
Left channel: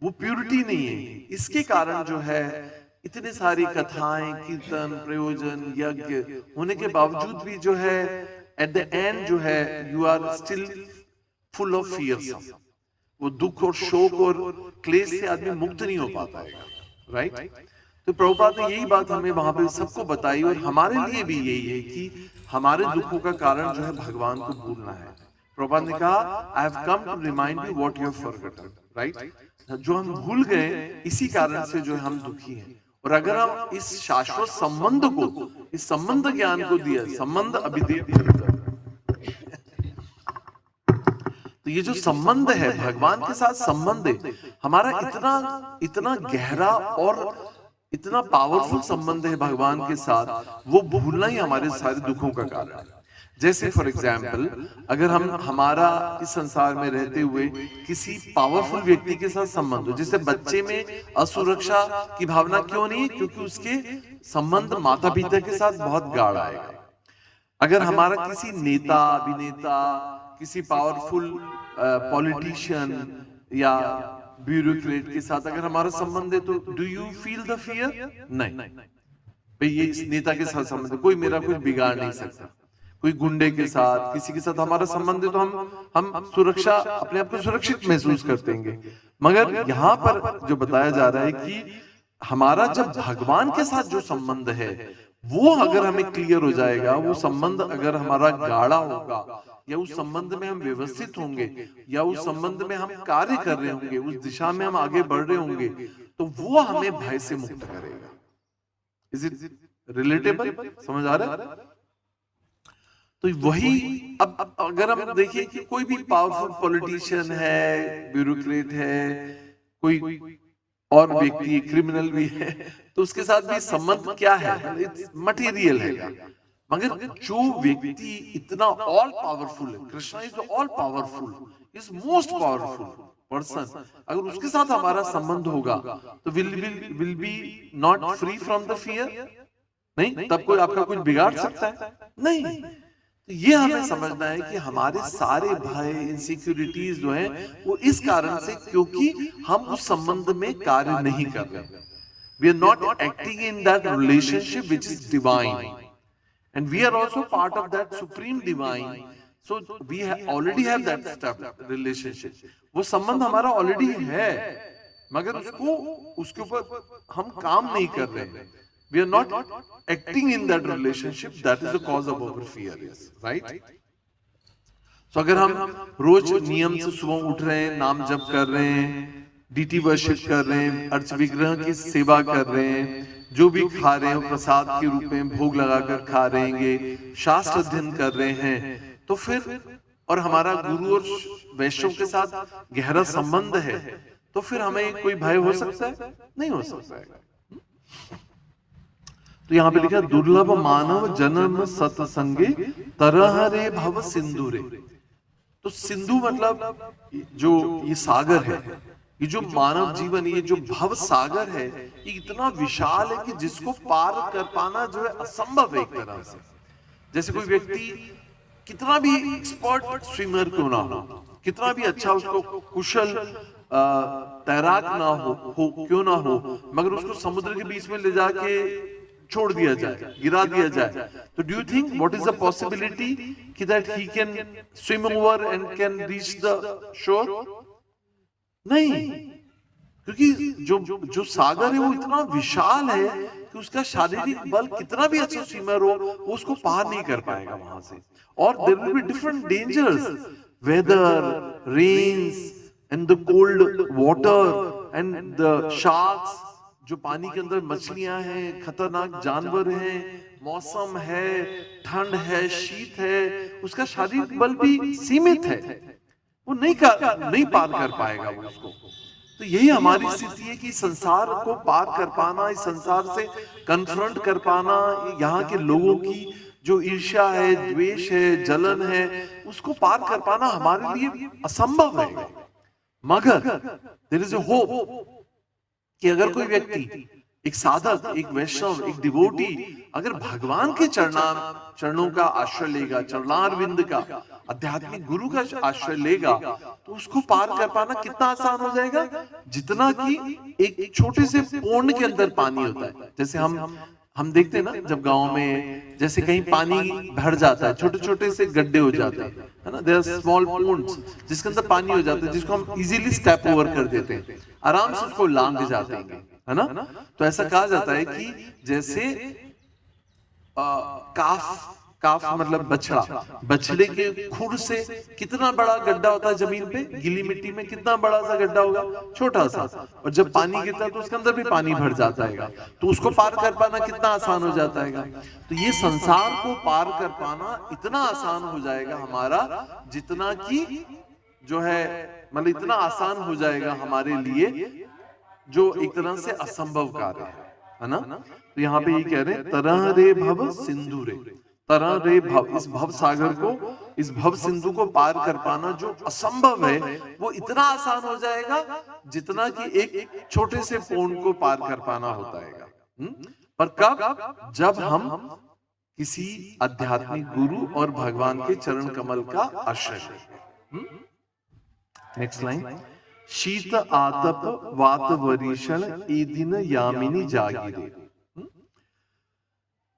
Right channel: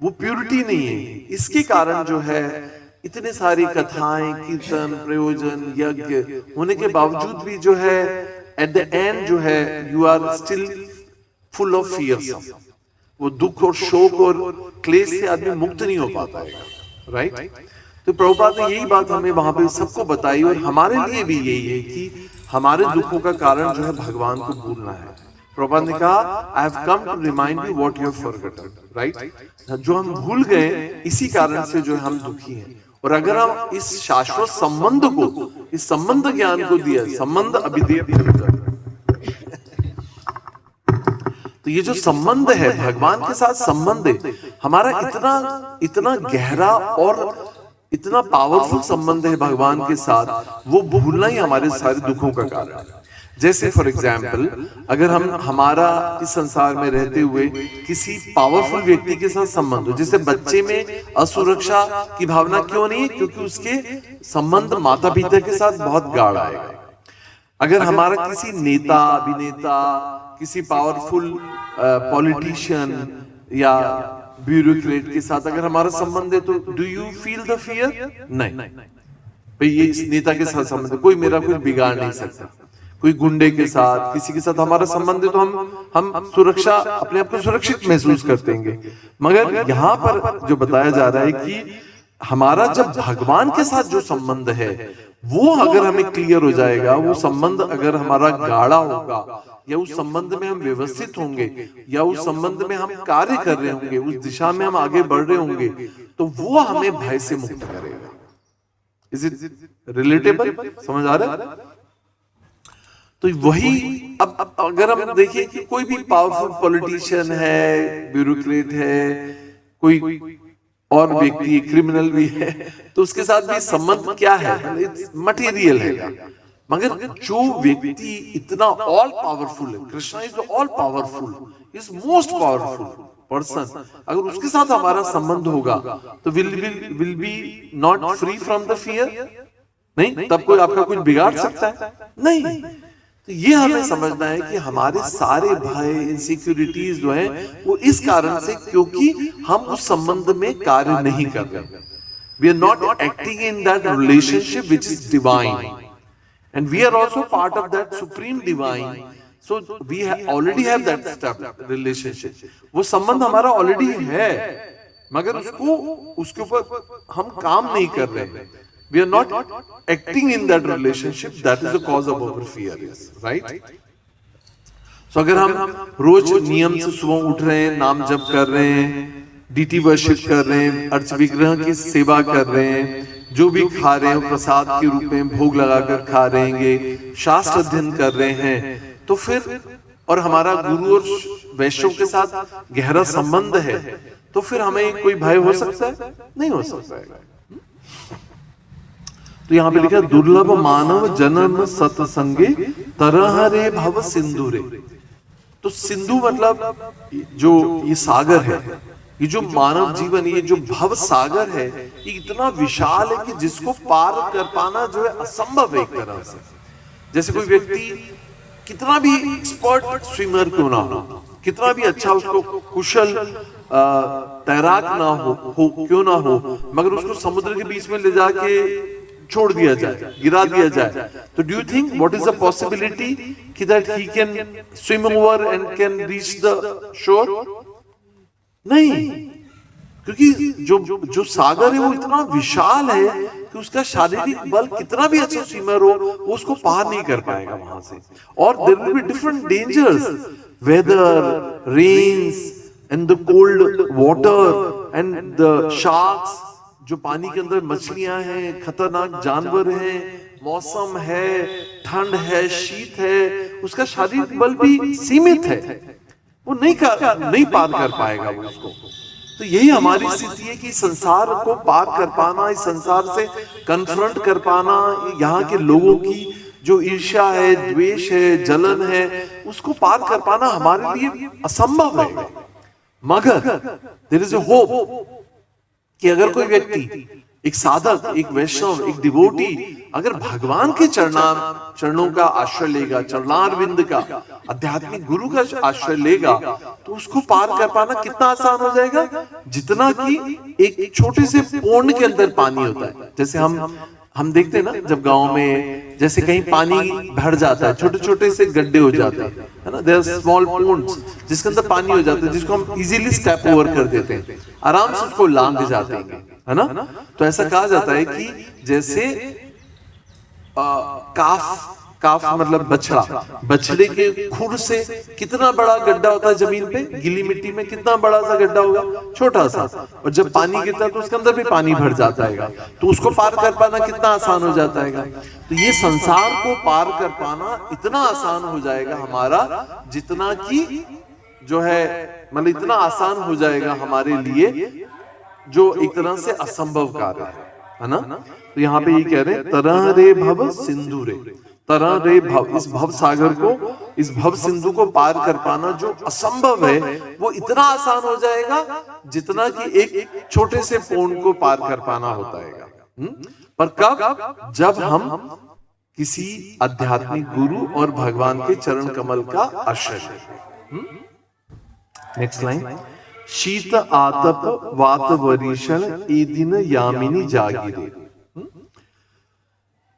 वो प्योरिटी नहीं है। इसके कारण जो है इतने सारी कथाएं, कीर्तन, प्रयोजन, यज्ञ होने के बावजूद भी जो है एट द एंड जो है you are still full of fear. वो दुख और शोक और क्लेश से आदमी मुक्त नहीं हो पाता है, राइट? तो प्रभुपाद ने यही बात हमें वहां पे सबको बताई और हमारे लिए भी यही है कि हमारे दुखों का कारण जो है भगवान को भूलना है। प्रभुपाद ने कहा, I have come to remind you what you have forgotten, right? जो हम भूल गए इसी कारण से जो हम दुखी हैं। और अगर हम इस शाश्वत संबंध को, इस संबंध ज्ञान को दिया, संबंध अभिधेय, तो ये जो संबंध है भगवान के साथ संबंध है हमारा, इतना इतना गहरा और इतना पावरफुल संबंध है भगवान के साथ, वो भूलना ही हमारे सारे दुखों का कारण है। जैसे फॉर एग्जाम्पल, अगर हम हमारा इस संसार में रहते हुए किसी पावरफुल व्यक्ति के साथ संबंध हो, जैसे बच्चे में असुरक्षा की भावना क्यों नहीं? क्योंकि उसके संबंध माता पिता के साथ बहुत गाढ़ा है। अगर हमारा किसी नेता, अभिनेता, किसी पावरफुल पॉलिटिशियन या ब्यूरोक्रेट के साथ अगर हमारा संबंध है तो do you feel the fear? नहीं भाई, ये इस नेता के साथ संबंध है, कोई मेरा कुछ बिगाड़ नहीं सकता। कोई गुंडे के साथ, किसी के साथ हमारा संबंध है तो हम सुरक्षा, अपने आप को सुरक्षित महसूस करते हैं। मगर यहाँ पर जो बताया जा रहा है कि हमारा जब भगवान के साथ जो संबंध है वो अगर हमें क्लियर हो जाएगा, वो संबंध अगर हमारा गाढ़ा होगा, या उस संबंध में हम व्यवस्थित होंगे, या उस संबंध में हम कार्य कर रहे होंगे, उस दिशा में हम आगे बढ़ रहे होंगे, तो वो हमें भय से मुक्त करेगा। Is it relatable? समझ आ रहा है? तो वही अब अगर हम देखिए कि कोई भी पावरफुल पॉलिटिशियन है, ब्यूरोक्रेट है, कोई और व्यक्ति क्रिमिनल भी है, तो उसके साथ भी संबंध क्या है? मटेरियल है। मगर जो व्यक्ति इतना ऑल पावरफुल है, Krishna is all powerful, is most powerful person, अगर उसके साथ हमारा संबंध होगा तो will be not free from the fear? नहीं, तब कोई आपका कुछ बिगाड़ सकता है? नहीं। तो ये हमें समझना है कि हमारे सारे भय, इनसिक्योरिटीज जो है वो इस कारण से, क्योंकि हम उस संबंध में कार्य नहीं कर रहे। We are not acting in that relationship which is divine, and we are also part of that supreme divine, so we already have that relationship। वो संबंध हमारा ऑलरेडी है, मगर उसके ऊपर हम काम नहीं कर रहे। we are not acting in that relationship, that is the cause of our fear, right? तो अगर हम रोज नियम से सुबह उठ रहे हैं, नाम जप कर रहे हैं, डीटी वर्शिप कर रहे हैं, अर्च विग्रह की सेवा कर रहे हैं, जो भी खा रहे हैं प्रसाद के रूप में भोग लगाकर खा रहेंगे, शास्त्र अध्ययन कर रहे हैं, तो फिर और हमारा गुरु और वैष्णव के साथ गहरा संबंध है, तो फिर हमें कोई भय हो सकता है? नहीं हो सकता है। तो यहाँ पे लिखा है दुर्लभ मानव जन्म सत्संगे तरह रे भव सिंधु रे। तो सिंधु मतलब जो ये सागर है, ये जो मानव जीवन, ये जो भव सागर है, ये इतना विशाल है कि जिसको पार कर पाना जो है असंभव है एक तरह से। जैसे कोई व्यक्ति कितना भी एक्सपर्ट स्विमर क्यों ना हो, कितना भी अच्छा उसको कुशल तैराक ना हो क्यों ना हो, मगर उसको समुद्र के बीच में ले जाके छोड़ दिया जाए, गिरा दिया जाए, तो do you think what is the possibility कि that he can swim over and can reach the shore? नहीं, क्योंकि जो सागर है वो इतना विशाल है कि उसका शारीरिक बल कितना भी अच्छा स्विमर हो, वो उसको पार नहीं कर पाएगा वहां से। और there will be different dangers, weather, rains and the cold water and the sharks, जो पानी के अंदर मछलियां हैं, खतरनाक जानवर हैं, मौसम है, ठंड है, शीत है, उसका शारीरिक बल भी सीमित है, वो नहीं पार कर पाएगा वो उसको। तो यही हमारी स्थिति है कि संसार को पार कर पाना, इस संसार से कन्फ्रंट कर पाना, यहाँ के लोगों की जो ईर्ष्या है, द्वेष है, जलन है, उसको पार कर पाना हमारे लिए असंभव है। मगर देयर इज अ होप कि अगर कोई व्यक्ति, एक साधक, एक वैष्णव, एक डिवोटी अगर भगवान के चरणों का आश्रय लेगा, चरणारविंद का, आध्यात्मिक गुरु का आश्रय लेगा, तो उसको पार कर पाना कितना आसान हो जाएगा, जितना कि एक छोटे से पोंड के अंदर पानी होता है। जैसे हम देखते हैं ना, जब गांव में जैसे कहीं पानी भर जाता है, छोटे छोटे से गड्ढे हो जाते हैं, है ना, देयर आर स्मॉल पोंड्स जिसके अंदर पानी हो जाता है, जिसको हम इजीली स्टेप ओवर कर देते हैं, आराम से उसको लांघ जाते हैं, है ना। तो ऐसा कहा जाता है कि जैसे काफ मतलब बछड़े के खुर से कितना बड़ा गड्ढा होता है जमीन पे, गीली मिट्टी में कितना बड़ा सा गड्ढा होगा, छोटा सा, और जब पानी गिरता है तो उसके अंदर भी पानी भर जाता है, तो उसको पार कर पाना कितना आसान हो जाता है। तो ये संसार को पार कर पाना इतना आसान हो जाएगा हमारा, जितना कि जो है मतलब इतना आसान हो जाएगा हमारे लिए जो एक तरह से असंभव कार्य है ना। तो यहाँ पे ये कह रहे हैं तरह रे भव सिंधु रे, तरह रे भव, इस भव सागर को, इस भव सिंधु को पार कर पाना जो असंभव है, वो इतना आसान हो जाएगा जितना कि एक छोटे से पोंड को पार कर पाना होता है। पर कब? जब हम किसी आध्यात्मिक गुरु और भगवान के चरण कमल का आश्रय लें। नेक्स्ट लाइन, शीत आतप वात वरीषण ए दिन यामिनी जागिरे।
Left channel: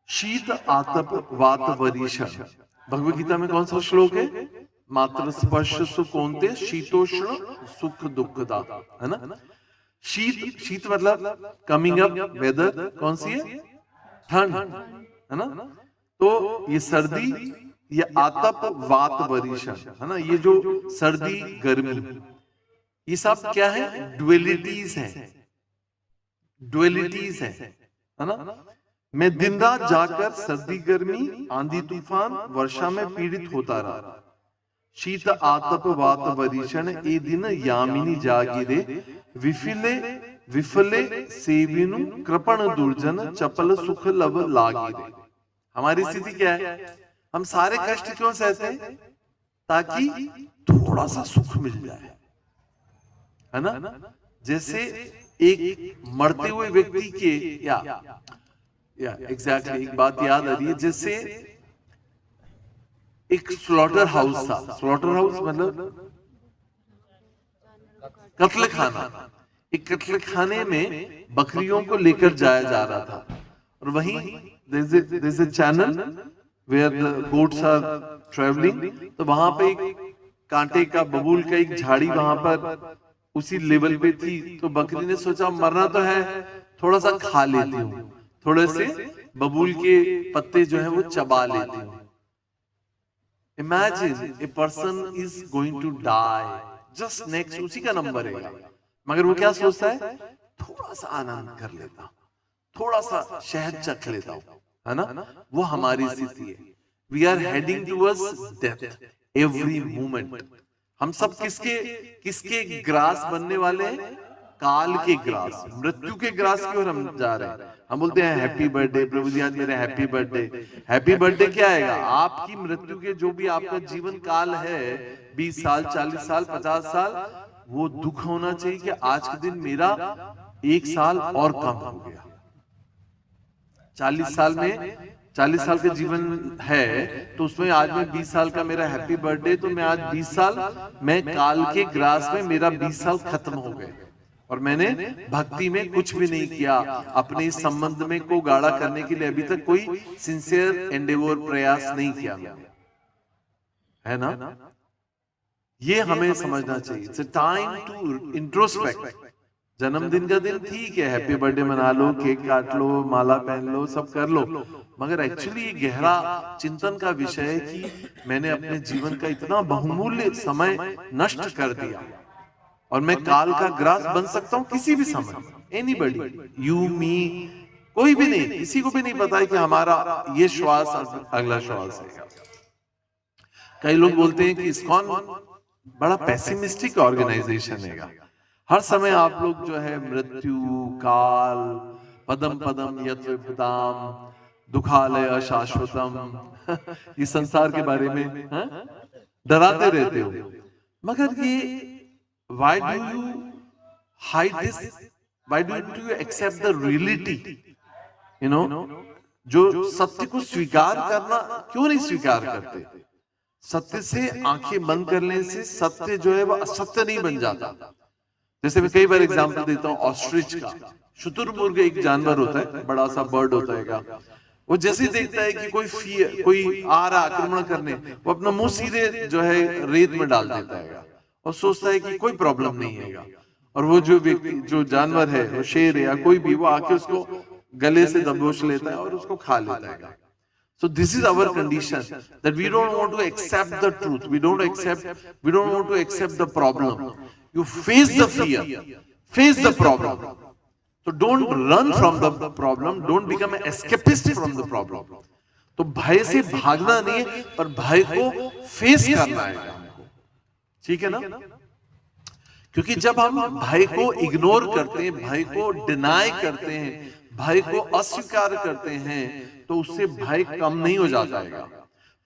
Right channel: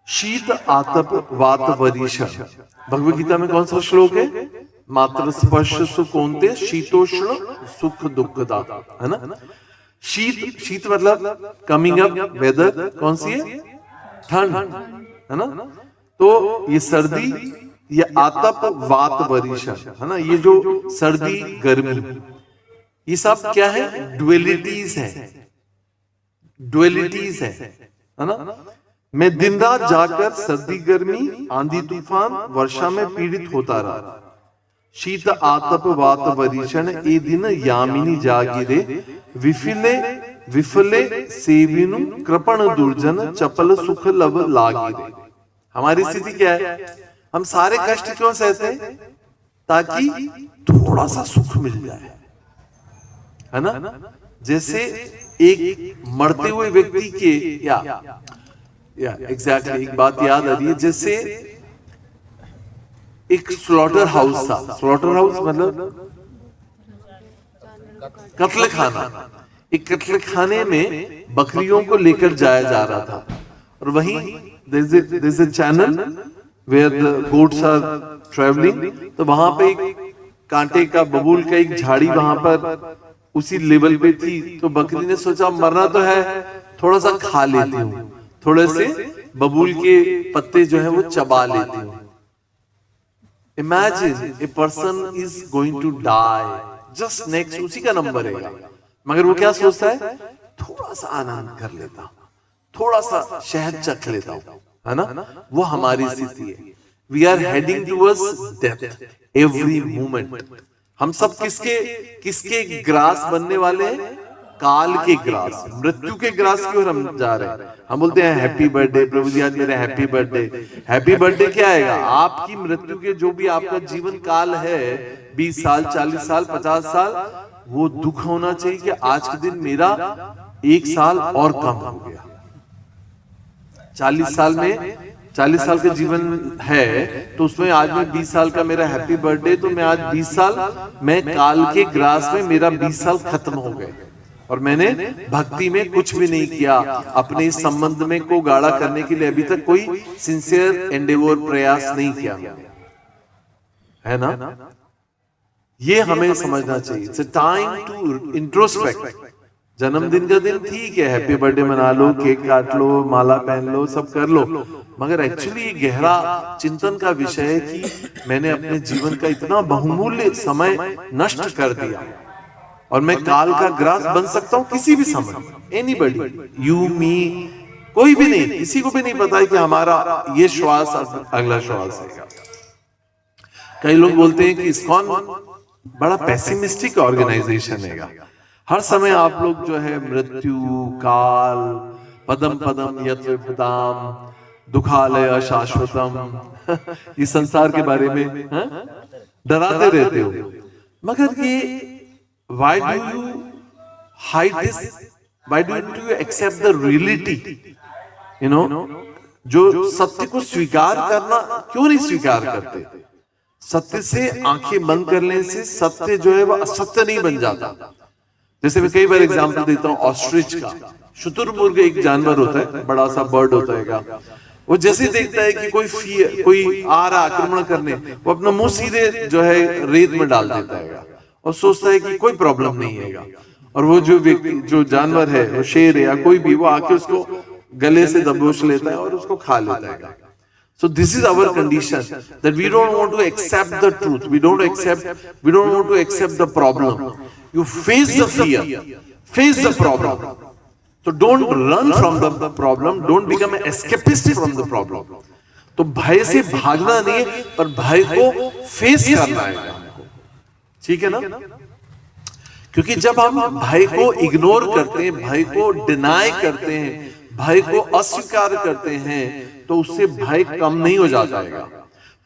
शीत आतप वात वरीषण भगवद गीता में कौन सा श्लोक है? मात्र स्पर्श सुख कौन्ते शीतोष्ण सुख दुखदा, है ना। शीत मतलब कमिंग अप वेदर, कौन सी है? ठंड, है ना। तो ये सर्दी, ये आतप वात वरीषण, है ना, ये जो सर्दी गर्मी, ये सब क्या है? ड्युअलिटीज है, ड्युअलिटीज है ना। मैं दिन रात जाकर सर्दी गर्मी आंधी तूफान वर्षा में पीड़ित होता रहा। शीत आतप वात वरीषण ए दिन यामिनी जागिरे विफले विफले सेविनु कृपण दुर्जन चपल सुख लब लागिरे। हमारी स्थिति क्या है? हम सारे कष्ट क्यों सहते हैं? ताकि थोड़ा सा सुख मिल जाए, है ना। जैसे एक मरते हुए व्यक्ति के या एग्जैक्टली एक बात याद आ रही है, जैसे एक स्लॉटर हाउस था। स्लॉटर हाउस मतलब कत्ल खाना। एक कत्ल खाने में बकरियों को लेकर जाया जा रहा था, और वहीं there is a channel where the goats are traveling, तो वहां पे एक कांटे का, बबूल का एक झाड़ी वहां पर उसी लेवल पे थी। तो बकरी ने सोचा मरना तो है, थोड़ा सा खा लेती हूँ, थोड़े से बबूल के पत्ते जो है वो चबा लेती हूँ। Imagine a person is going to die, just next उसी का नंबर है, मगर वो क्या सोचता है, थोड़ा सा आनंद कर लेता हूं, थोड़ा सा शहद चख लेता हूं, है ना? वो हमारी स्थिति है। We are heading towards death every moment. हम सब किसके किसके ग्रास बनने वाले हैं? काल के ग्रास, मृत्यु के ग्रास की ओर हम जा रहे हैं। हम बोलते हैं हैप्पी बर्थडे प्रभु जी, आज मेरा हैप्पी बर्थडे। हैप्पी बर्थडे क्या आएगा? आपकी मृत्यु के जो भी आपका जीवन काल है, 20 साल, 40 साल, 50 साल, वो दुख होना चाहिए कि आज के दिन मेरा 1 साल और कम हो गया। 40 साल में 40 साल का जीवन है, तो उसमें आज में 20 साल का मेरा हैप्पी बर्थडे, तो मैं आज 20 साल, मैं काल के ग्रास में मेरा 20 साल खत्म हो गए और मैंने भक्ति में कुछ भी नहीं किया। अपने इस संबंध में को गाढ़ा करने के लिए अभी तक कोई सिंसियर एंडेवर प्रयास नहीं किया, है ना? ये हमें समझना चाहिए। It's a time to introspect. जन्मदिन का दिन ठीक है, हैप्पी बर्थडे मना लो, केक काट लो, माला पहन लो, सब कर लो, मगर एक्चुअली ये गहरा चिंतन का विषय है कि मैंने अपने जीवन का इतना बहुमूल्य समय नष्ट कर दिया और मैं काल का ग्रास बन सकता हूं किसी भी समय। एनीबडी, यू, मी, कोई भी नहीं, किसी को भी नहीं पता है कि हमारा ये श्वास अगला श्वास है। कई लोग बोलते हैं कि इस्कॉन बड़ा पेसिमिस्टिक ऑर्गेनाइजेशन है, हर समय आप लोग जो है मृत्यु, काल, पदम पदम यत्र पदाम, दुखालय शाश्वतम, इस संसार के बारे में डराते रहते हो। मगर ये why do you hide this? Why do you accept the reality? You know, जो सत्य को स्वीकार करना क्यों नहीं स्वीकार करते? सत्य से आंखें बंद करने से सत्य जो है वो असत्य नहीं बन जाता। जैसे मैं कई बार एग्जांपल देता हूँ ऑस्ट्रिच का। शुतुरमुर्ग एक जानवर होता है, बड़ा सा बर्ड होता है, वो जैसे देखता है कि कोई आ रहा आक्रमण करने, वो अपना मुंह सीधे जो है रेत में डाल देता है और सोचता है कि कोई प्रॉब्लम नहीं है। और वो जो व्यक्ति, जो जानवर है, वो शेर है या कोई भी, वो आके उसको गले से दबोच लेता है और उसको खा लेता है। So this is our condition, that we don't want to accept the truth. We don't want to accept the problem. You face the fear, face the problem. So don't run from the problem. Don't become an escapist from the problem. तो भय से भागना नहीं है, पर भय को face करना है, ठीक है ना? क्योंकि जब हम भय को इग्नोर करते हैं, भय को डिनाई करते हैं, भय को अस्वीकार करते हैं, तो उससे भय कम नहीं हो जाता है।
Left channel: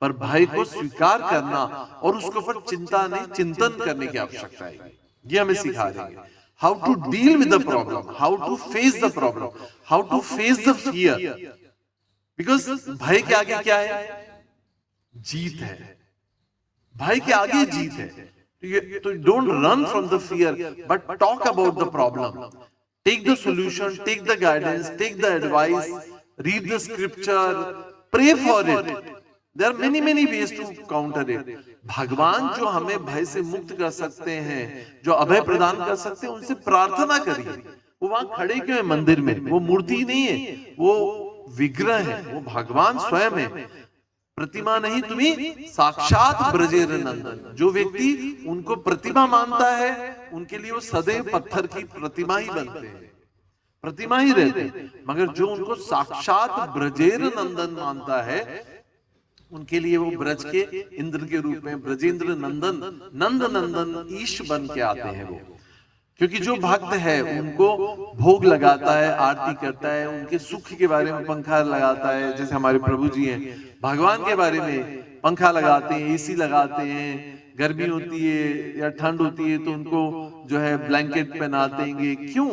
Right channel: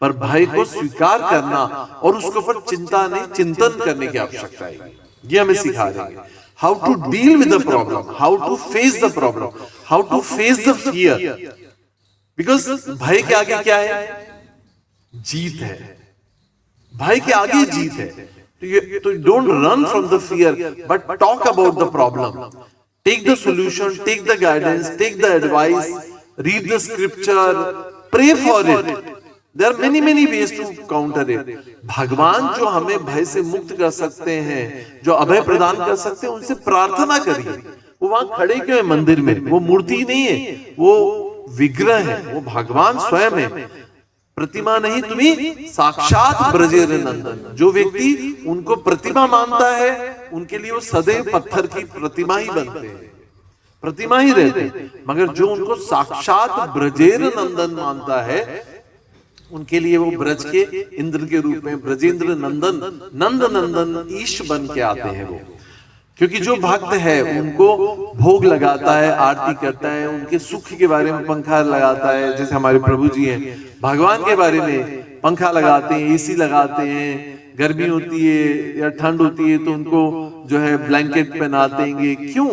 पर भय को स्वीकार करना और उसके ऊपर चिंता नहीं, चिंतन करने की आवश्यकता है। ये हमें सिखा रहे हैं how to deal with the problem, how to face the problem, how to face the fear. Because भय के आगे क्या है? जीत है। भय के आगे जीत है। तो don't run from the fear, but talk about the problem. Take the solution, take the guidance, take the advice, read the scripture, pray for it. There are many ways to counter it. भगवान जो हमें भय से मुक्त कर सकते हैं, जो अभय प्रदान कर सकते हैं, उनसे प्रार्थना करिए। वो वहां खड़े क्यों है मंदिर में? वो मूर्ति नहीं है, वो विग्रह है, वो भगवान स्वयं है। प्रतिमा नहीं, तुम्हें साक्षात ब्रजेर नंदन। जो व्यक्ति उनको प्रतिमा मानता है, उनके लिए वो सदैव पत्थर की प्रतिमा ही बनते हैं, प्रतिमा ही रहते हैं। मगर जो उनको साक्षात ब्रजेर नंदन मानता है, उनके लिए वो ब्रज के इंद्र के रूप में ब्रजेंद्र नंदन, नंद नंदन ईश बन के आते हैं वो। क्योंकि जो भक्त है उनको भोग लगाता है, आरती करता है, उनके सुख के बारे में पंखा लगाता है। जैसे हमारे प्रभु जी हैं, भगवान के बारे में पंखा लगाते हैं, एसी लगाते हैं, गर्मी होती है या ठंड होती है तो उनको जो है ब्लैंकेट पहनाते हैं। क्यों?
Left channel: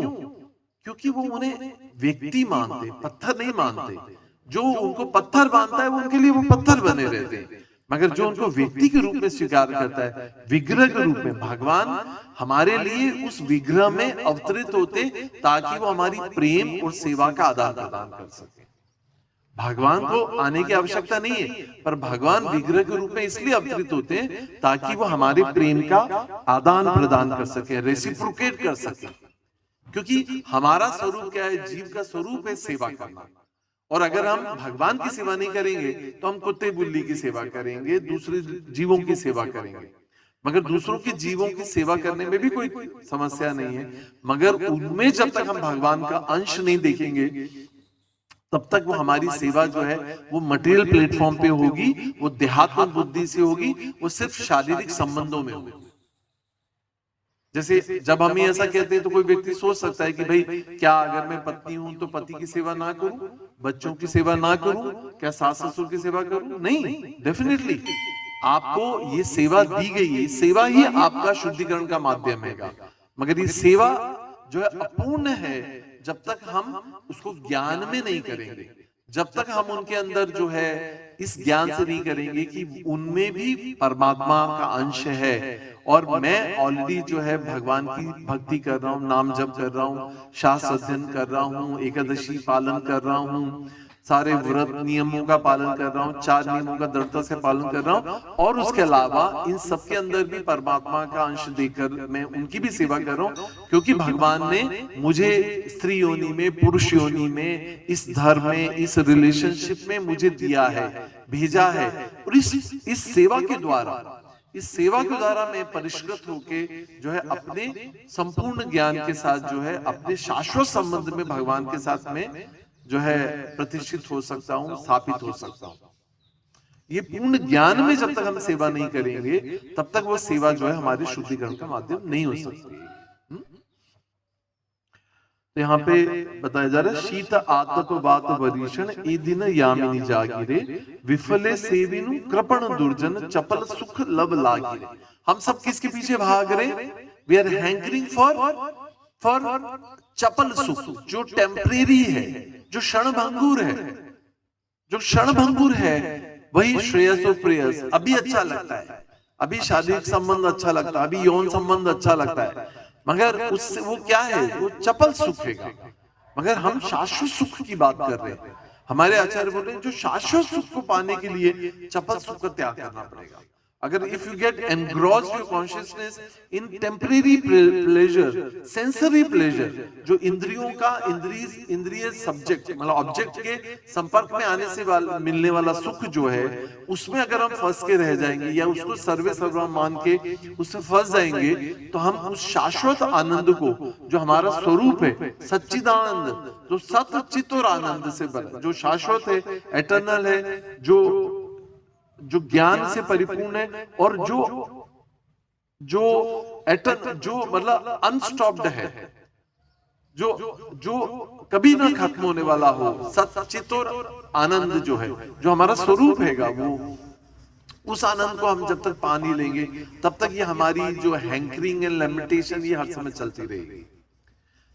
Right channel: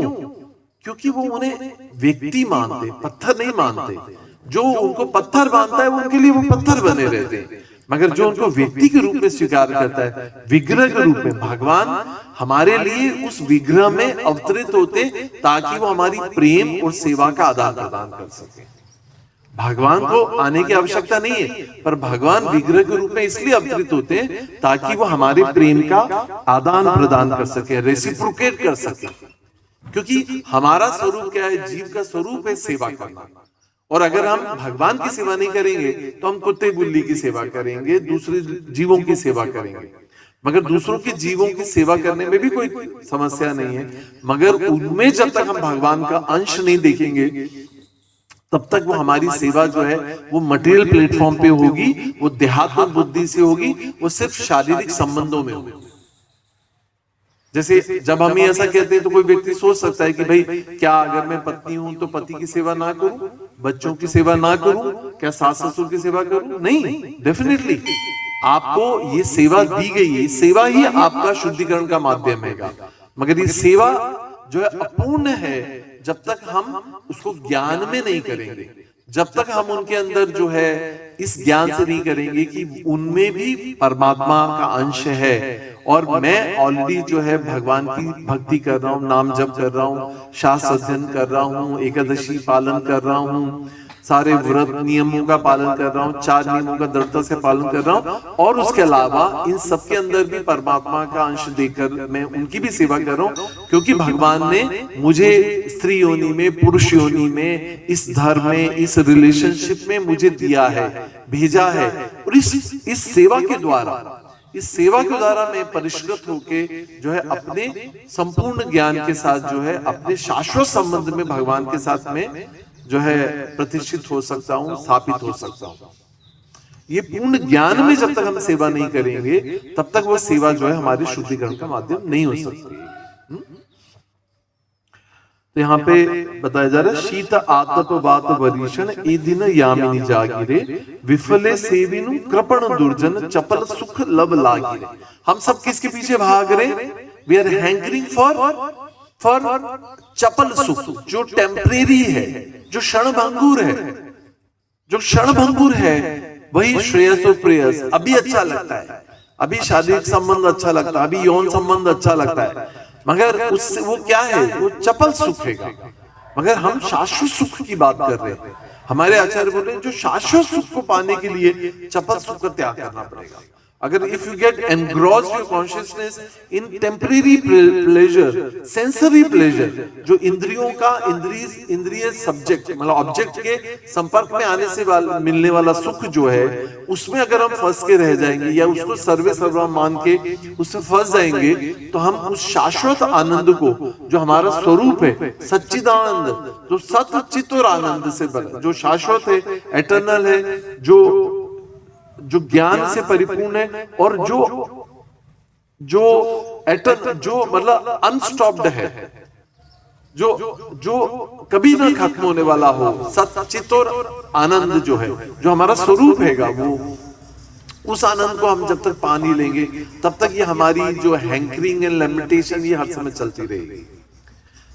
क्योंकि वो उन्हें व्यक्ति मानते, पत्थर नहीं मानते। जो उनको पत्थर मानता है, वो उनके लिए वो पत्थर बने रहते हैं। मगर जो उनको व्यक्ति के रूप में स्वीकार करता है, विग्रह के रूप में, भगवान हमारे लिए उस विग्रह में अवतरित होते ताकि वो हमारी प्रेम और सेवा का आदान प्रदान कर सके। भगवान को आने की आवश्यकता नहीं है, पर भगवान विग्रह के रूप में इसलिए अवतरित होते हैं ताकि वो हमारे प्रेम का आदान प्रदान कर सके, रेसिप्रोकेट कर सके। क्योंकि हमारा स्वरूप क्या है? जीव का स्वरूप है सेवा करना। और अगर हम भगवान की सेवा नहीं करेंगे तो हम कुत्ते बिल्ली की सेवा करेंगे, दूसरे जीवों की सेवा करेंगे। मगर दूसरों के जीवों की सेवा करने में भी कोई समस्या नहीं है, मगर उनमें जब तक हम भगवान का अंश नहीं देखेंगे तब तक वो हमारी सेवा जो है वो मटेरियल प्लेटफॉर्म पे होगी, वो देहात्म बुद्धि से होगी, वो सिर्फ शारीरिक संबंधों में होगी। जैसे जब हम ऐसा कहते हैं तो कोई व्यक्ति सोच सकता है कि भाई क्या अगर मैं पत्नी हूं तो पति की सेवा ना करूं, बच्चों की सेवा ना करूं, क्या सास ससुर की सेवा करूं? नहीं, डेफिनेटली आपको ये सेवा दी गई है, सेवा ही आपका शुद्धिकरण का माध्यम है। मगर ये सेवा जो है अपूर्ण है जब तक हम उसको ज्ञान में नहीं करेंगे, जब तक हम उनके अंदर जो है इस ज्ञान से नहीं करेंगे कि उनमें भी परमात्मा का अंश है और मैं ऑलरेडी जो है भगवान की भक्ति कर रहा हूँ, नाम जप कर रहा हूँ, शास्त्र अध्ययन कर रहा हूँ, एकादशी पालन कर रहा हूँ, सारे व्रत नियमों का पालन कर रहा हूँ, 4 नियमों का दृढ़ता से पालन कर रहा हूँ और उसके अलावा इन सबके अंदर भी परमात्मा का अंश देकर मैं उनकी भी सेवा कर रहा हूँ, क्योंकि भगवान ने मुझे स्त्री योनि में, पुरुष योनि में, इस धर्म में, इस रिलेशनशिप में मुझे दिया है, भेजा है। और इस सेवा के द्वारा मैं परिष्कृत होके जो है अपने संपूर्ण ज्ञान के साथ जो है अपने शाश्वत संबंध में भगवान के साथ में जो है प्रतिष्ठित हो सकता हूं, स्थापित हो सकता हूं। ये पूर्ण ज्ञान में जब तक हम सेवा नहीं करेंगे तब तक वो सेवा जो है हमारे शुद्धिकरण का माध्यम नहीं हो सकती। तो यहाँ पे बताया जा रहा है शीत आतप वात वरीषण ए दिन यामिनी जागिरे विफले सेविनु कृपण दुर्जन चपल सुख लब लागिरे। हम सब किसके पीछे भाग रहे? वी आर हैंकरिंग फॉर चपल सुख, जो टेम्परेरी है, जो क्षणभंगुर है, वही श्रेयस और प्रेयस। अभी अच्छा लगता है, अभी शारीरिक संबंध अच्छा लगता है, अभी यौन संबंध अच्छा लगता है, मगर उससे वो क्या है? वो चपल सुख है। मगर हम शाश्वत सुख की बात कर रहे हैं। हमारे आचार्य बोल रहे हैं जो शाश्वत सुख को पाने के लिए चपल सुख का त्याग करना पड़ेगा। अगर if you get engrossed your consciousness in temporary pleasure, sensory pleasure, जो इंद्रियों का इंद्रिय सब्जेक्ट मतलब ऑब्जेक्ट के संपर्क में आने से मिलने वाला सुख जो है, उसमें अगर हम फंस के रह जाएंगे या उसको सर्वे सर्वम मान के उसमें फंस जाएंगे तो हम उस शाश्वत आनंद को, जो हमारा स्वरूप है, सच्चिदानंद, जो सत चित और आनंद से बना, जो शाश्वत है, एटर्नल है, जो ज्ञान से परिपूर्ण है और जो मतलब अनस्टॉप्ड है, जो कभी ना खत्म होने वाला हो, सच्चित और आनंद जो है, जो हमारा स्वरूप हैगा, वो उस आनंद को हम जब तक पा नहीं लेंगे तब तक ये हमारी जो हैंकरिंग एंड लिमिटेशन ये हर समय चलती रहेगी।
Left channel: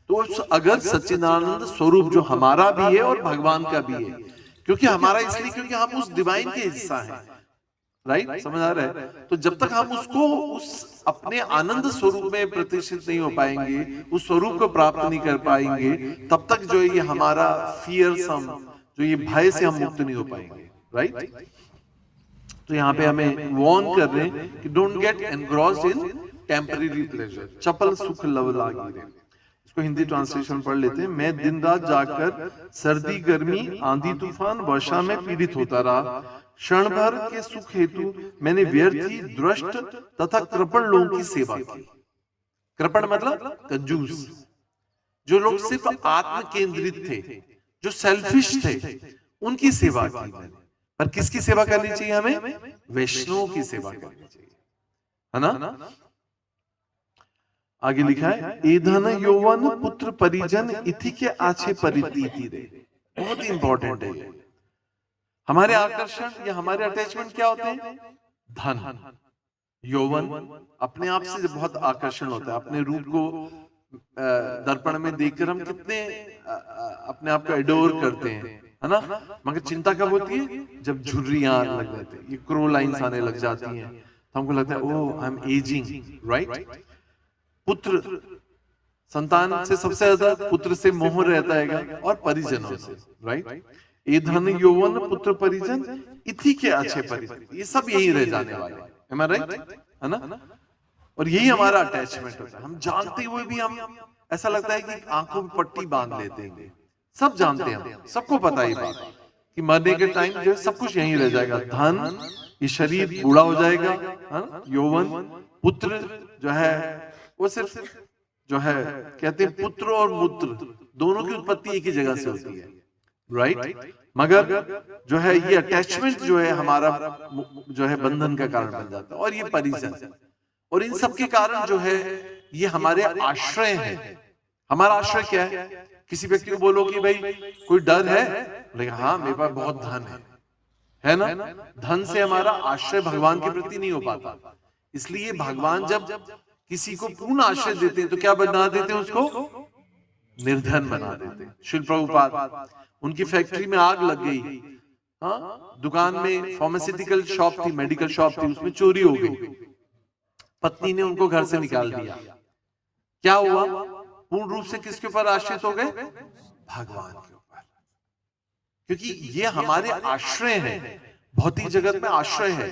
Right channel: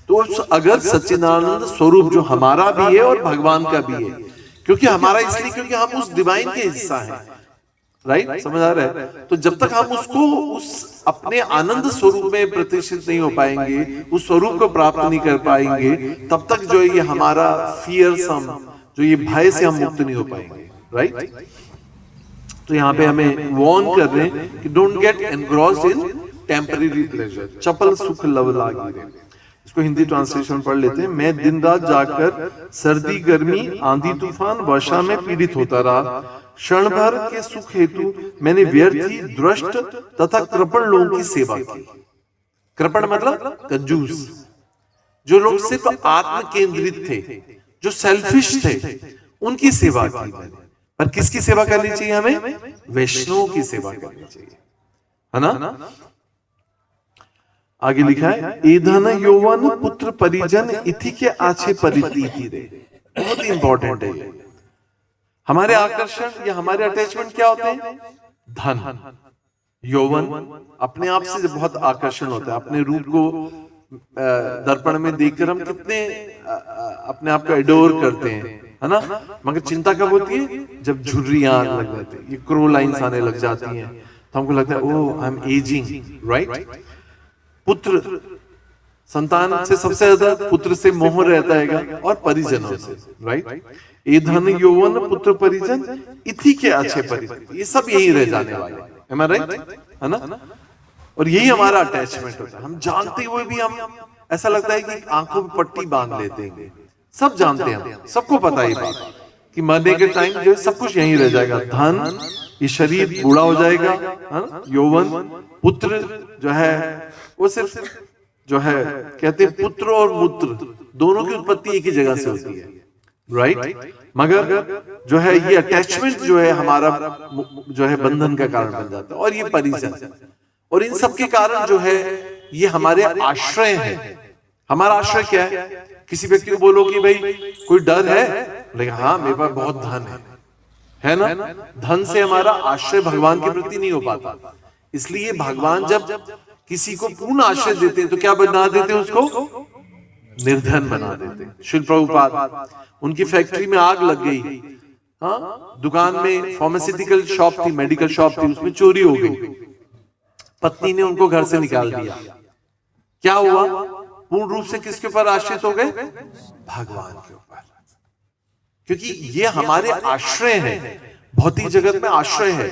तो अगर सच्चिदानंद स्वरूप जो हमारा भी है और भगवान का भी है, क्योंकि हमारा इसलिए क्योंकि हम उस डिवाइन के हिस्सा हैं, राइट? समझ आ रहा है? तो जब तक हम उसको उस अपने आनंद स्वरूप में प्रतिष्ठित नहीं हो पाएंगे, उस स्वरूप को प्राप्त नहीं कर पाएंगे, तब तक जो ये हमारा फियरसम, जो ये भय से हम मुक्त नहीं हो पाएंगे, राइट? तो यहाँ पे हमें वार्न कर रहे हैं कि don't get engrossed in temporary pleasure, चपल सुख लव लागिरे। इसको हिंदी ट्रांसलेशन पढ़ लेते हैं। मैं दिन रात जाकर सर्दी गर्मी आंधी तूफान वर्षा में पीड़ित होता रहा, क्षण भर के सुख हेतु मैंने व्यर्थी द्रष्ट तथा कृपण लोगों की सेवा की। कृपण मतलब कंजूस, जो लोग सिर्फ आत्म केंद्रित थे, जो सेल्फिश थे, उनकी सेवा की मैंने। पर किसकी सेवा करनी चाहिए हमें? वैष्णवों की सेवा करनी चाहिए, है ना? आगे लिखा है एधन यौवन पुत्र परिजन इति के आछे परितीति रे। बहुत इंपॉर्टेंट है ये। हमारे आकर्षण या हमारे अटैचमेंट क्या होते हैं? धन, यौवन, अपने आप से बहुत आकर्षण होता है। अपने रूप को दर्पण में देखकर हम कितने अपने आप को एडोर करते हैं, है ना? मगर चिंता कब होती है? जब झुर्रियां लग जाती है, ये क्रो लाइन्स आने लग जाती हैं, तो हमको लगता है ओह आई एम एजिंग, राइट? पुत्र संतान से सबसे ज्यादा पुत्र से मोह रहता है और परिजनों से, राइट? ये धन यौवन पुत्र परिजन इति के अच्छे परिजन, ये सब यही रह जाने वाले, am I right? है ना? और यही हमारा अटैचमेंट होता है। हम जानते हुए भी हम ऐसा लगता है कि आंखों में पट्टी बांध लेते हैं, सब जानते हैं, सबको पता है ये बात कि मरने के टाइम जो है सब कुछ यहीं रह जाएगा। धन, ये शरीर बूढ़ा हो जाएगा, हाँ? यौवन, पुत्र जो है वो सिर्फ जो है कहते हैं पुत्र और मूत्र दोनों की उत्पत्ति एक ही जगह से होती है, राइट? मगर जो है ये अटैचमेंट जो है हमारा जो है बंधन का कारण बन जाता है। और ये परिजन, और इन सब के कारण जो है ये हमारे आश्रय है। हमारा आश्रय क्या है? किसी व्यक्ति को बोलो कि भाई कोई डर है, लेकिन हाँ मेरे पास बहुत धन है ना? धन से हमारा आश्रय भगवान के प्रति नहीं हो पाता। इसलिए भगवान जब किसी को पूर्ण आश्रय देते हैं तो क्या बना देते हैं? उसको निर्धन बना देते हैं। श्रील प्रभुपाद, उनकी फैक्ट्री में आग लग गई, हाँ? दुकान में फार्मास्यूटिकल शॉप थी, मेडिकल शॉप थी, उसमें चोरी हो गई। पत्नी ने उनको घर से निकाल दिया। क्या हुआ? पूर्ण रूप से किसके ऊपर आश्रित हो गए? भगवान के ऊपर, क्योंकि ये हमारे आश्रय है। भौतिक जगत में आश्रय है।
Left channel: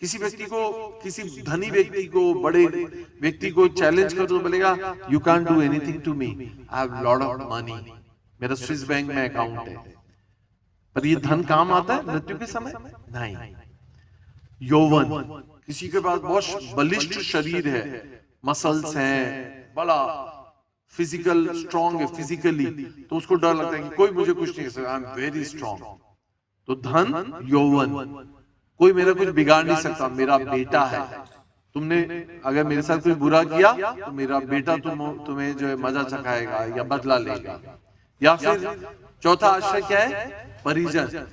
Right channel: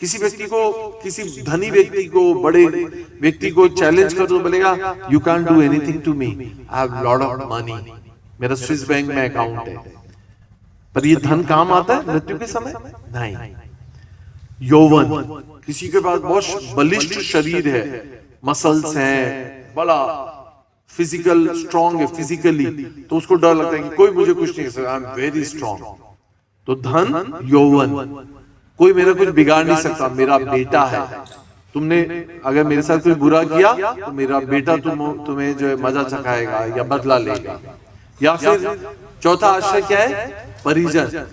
किसी व्यक्ति को, किसी धनी व्यक्ति को, बड़े व्यक्ति को चैलेंज कर दो, बोलेगा you can do anything to me, I have lot of money, मेरा स्विस बैंक में अकाउंट है। पर ये धन काम आता है मृत्यु के समय? नहीं। यौवन, किसी के पास बहुत बलिष्ठ शरीर है, मसल्स हैं, बड़ा फिजिकल स्ट्रांग है फिजिकली, तो उसको डर लगता है कि कोई मुझे कुछ नहीं कर सकता, आई एम वेरी स्ट्रांग। तो धन, यौवन, कोई मेरा कुछ बिगाड़ नहीं सकता, मेरा बेटा है। तुमने अगर मेरे साथ कोई बुरा किया तो मेरा बेटा तुम्हें जो है मजा चखाएगा या बदला लेगा। या फिर चौथा आश्रय क्या है? परिजन,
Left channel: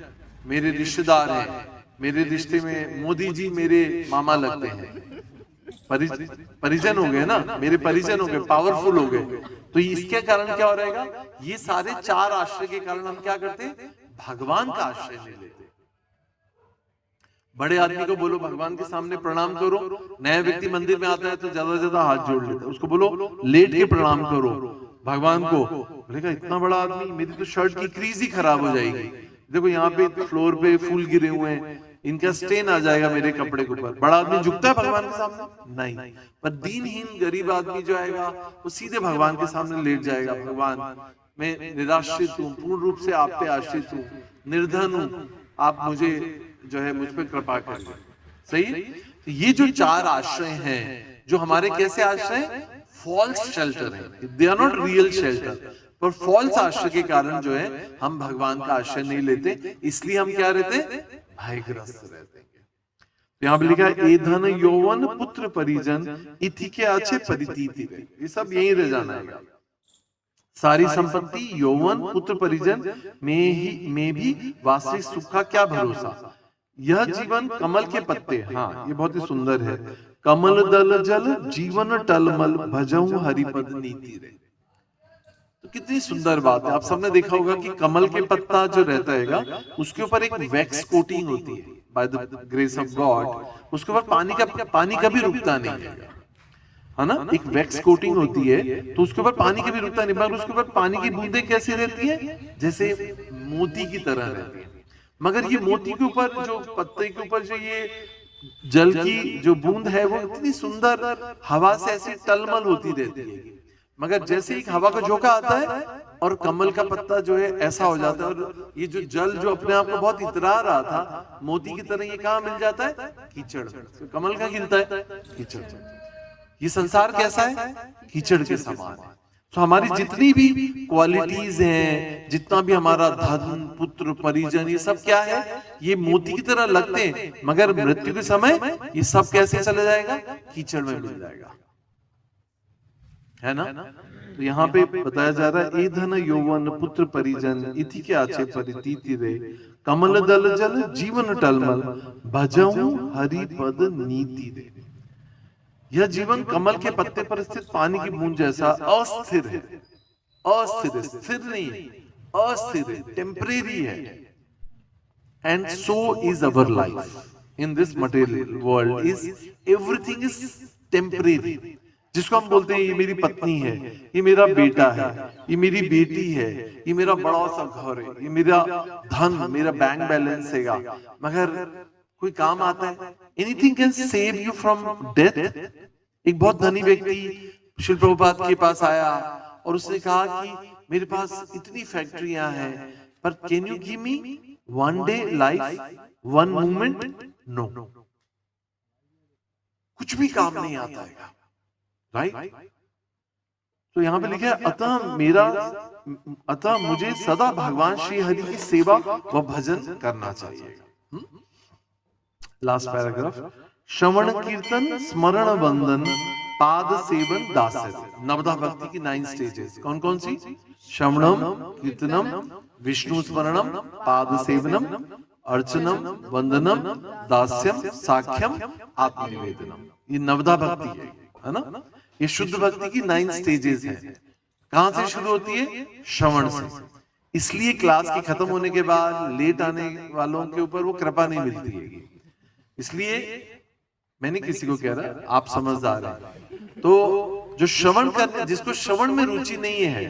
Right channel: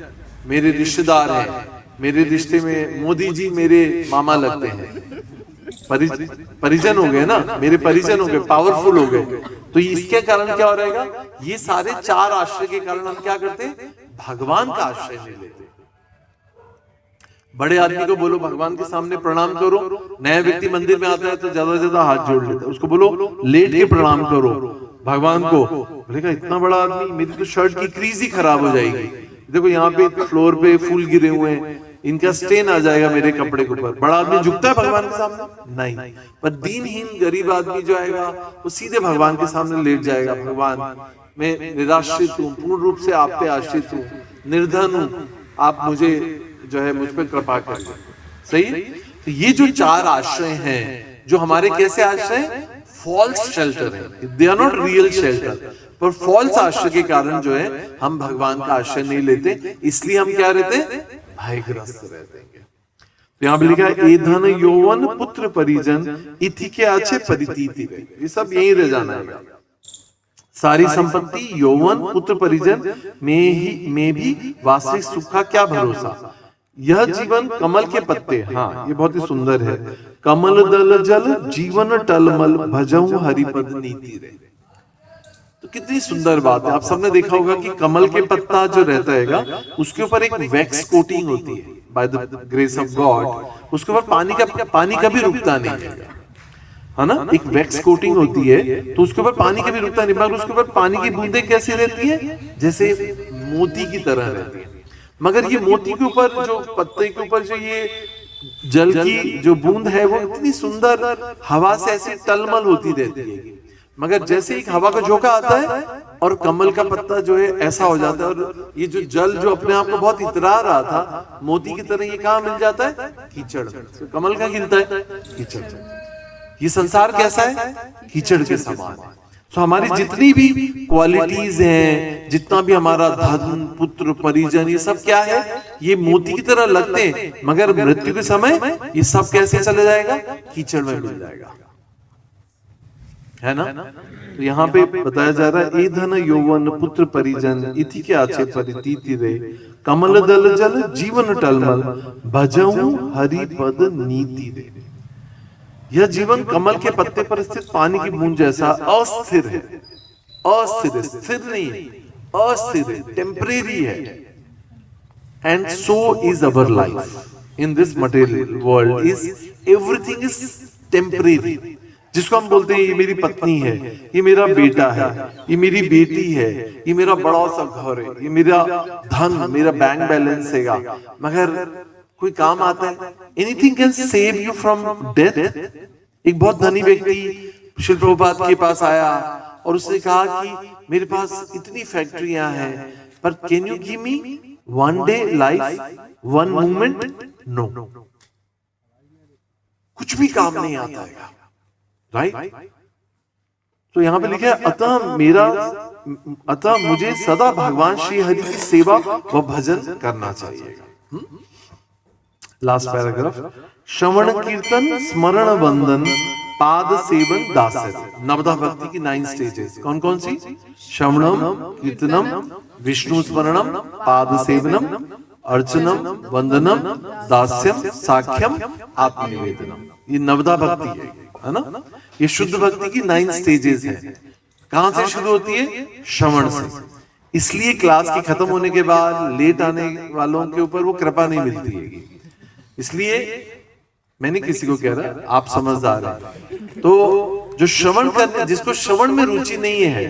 मेरे रिश्तेदार हैं, मेरे रिश्ते में मोदी जी मेरे मामा लगते हैं। परिजन हो गए ना, मेरे परिजन हो गए, पावरफुल हो गए। तो इसके कारण क्या हो रहेगा? ये सारे चार आश्रय के कारण हम क्या करते हैं? भगवान का आश्रय ले लेते हैं। बड़े आदमी को बोलो भगवान के सामने प्रणाम करो, नया व्यक्ति मंदिर में आता है तो ज्यादा से ज्यादा हाथ जोड़ लेता है। उसको बोलो लेट के प्रणाम करो भगवान को, बोलेगा इतना बड़ा आदमी, मेरी तो शर्ट की क्रीज ही खराब हो जाएगी, देखो यहाँ पे फ्लोर पे फूल गिरे हुए हैं, इनका स्टेन आ जाएगा मेरे कपड़े के ऊपर। बड़ा आदमी झुकता है भगवान के सामने? नहीं। पर दीनहीन गरीब आदमी जो आएगा वो सीधे भगवान के सामने लेट जाएगा, भगवान मैं निराश्रित हूँ, पूर्ण रूप से आप पे आश्रित हूँ, निर्धन हूँ, आप मुझे जो है मुझ पर कृपा करिए। सही? तो ये जो चार आश्रय हैं, जो हमारे कैसे आश्रय? फॉल्स शेल्टर है, they are not real shelter, पर फॉल्स आश्रय के कारण जो है हम भगवान का आश्रय नहीं लेते। इसलिए हम क्या रहते हैं? भयग्रस्त रहते हैं। तो यहाँ पे लिखा है ए धन यौवन पुत्र परिजन इति के आचे परितीति, ये सब यही रह जाना है। सारी संपत्ति, यौवन, पुत्र परिजन में भी वास्तविक सुख का क्या भरोसा। यह जीवन कमल के पत्ते, हाँ ये बहुत ही सुंदर है। कमल दल जल जीवन टलमल भजऊ हरिपद नीति रे। तो कितनी सुंदर बात है। आप सबने देखा होगा कि कमल के पत्ता जो रहता है उसके ऊपर एक वैक्स कोटिंग होती है by the grace of God, उसके ऊपर पानी कभी रुकता नहीं है ना, एक वैक्स कोटिंग होती है तो उसके ऊपर पानी कभी रुकता नहीं, मगर उसके ऊपर पानी की बूंदें कैसी रहती है? जैसे मोती की तरह रहती है। मगर ये मोती के ऊपर जो पत्ते के ऊपर जो ये जल की जो बूंद है वो इतनी सुंदर हवा से ऐसी टलमल होती रहती है, मगर जैसे एक हवा का झोंका आता है और कमल का पत्ता जो है ऐसा हो जाता है, और ये जो जल जो अपने आप को बहुत इतरा रहा था मोती की तरह, ये कहाँ मिल जाता है? कीचड़। तो कमल का गिरता है कीचड़। ये संसार कैसा है? कीचड़ के समान। तो हमारी जितनी भी क्वालिटीज हैं, जितना भी हमारा धन, पुत्र, परिजन, ये सब क्या है? ये मोती की तरह लगते हैं, मगर मृत्यु के समय ये सब कैसे चले जाएगा? कीचड़ में मिल जाएगा, है ना? तो यहाँ पे बताया जा रहा है ए धन यौवन पुत्र परिजन इति के आचे परितीति रे कमल दल जल जीवन टलमल भजऊ हरि पद नीति रे। यह जीवन कमल के पत्ते पर स्थित पानी की बूंद जैसा अस्थिर है, अस्थिर है, स्थिर नहीं है, अस्थिर है, टेम्परेरी है। And so is our life in this material world, is everything is temporary. जिसको हम बोलते हैं ये मेरी पत्नी है, ये मेरा बेटा है, ये मेरी बेटी है, ये मेरा बड़ा सा घर है, ये मेरा धन, मेरा बैंक बैलेंस हैगा, मगर कोई काम आता है? Anything can save you from death. एक बहुत धनी व्यक्ति श्री प्रभुपाद के पास आया, और उसने कहा कि मेरे पास इतनी फैक्ट्रियां हैं, पर can you give me one day life, one moment? No, कुछ भी काम नहीं आता है, राइट? तो यहाँ पे लिखा है अतः मुझे सदा भगवान श्री हरि की सेवा व भजन करना चाहिए। लास्ट पैराग्राफ, श्रवण कीर्तन स्मरण वंदन पाद सेवन दास्य। नवदा भक्ति की 9 स्टेजेस कौन कौन सी? श्रवणम, कीर्तनम, विष्णु स्मरणम, पाद सेवनम, अर्चनम, वंदनम, दास्यम, साख्यम, आत्मनिवेदनम। ये नवदा भक्ति है ना? ये शुद्ध भक्ति की 9 स्टेजेस हैं। कहां से शुरू होती है? श्रवण से। इसलिए क्लास के खत्म होने के बाद लेट आने वालों के ऊपर वो कृपा नहीं मिलती है। इसलिए मैंने किसी को कह रहा, आप समझदार हैं, तो जो श्रवण करने, जिसको श्रवण में रुचि नहीं है,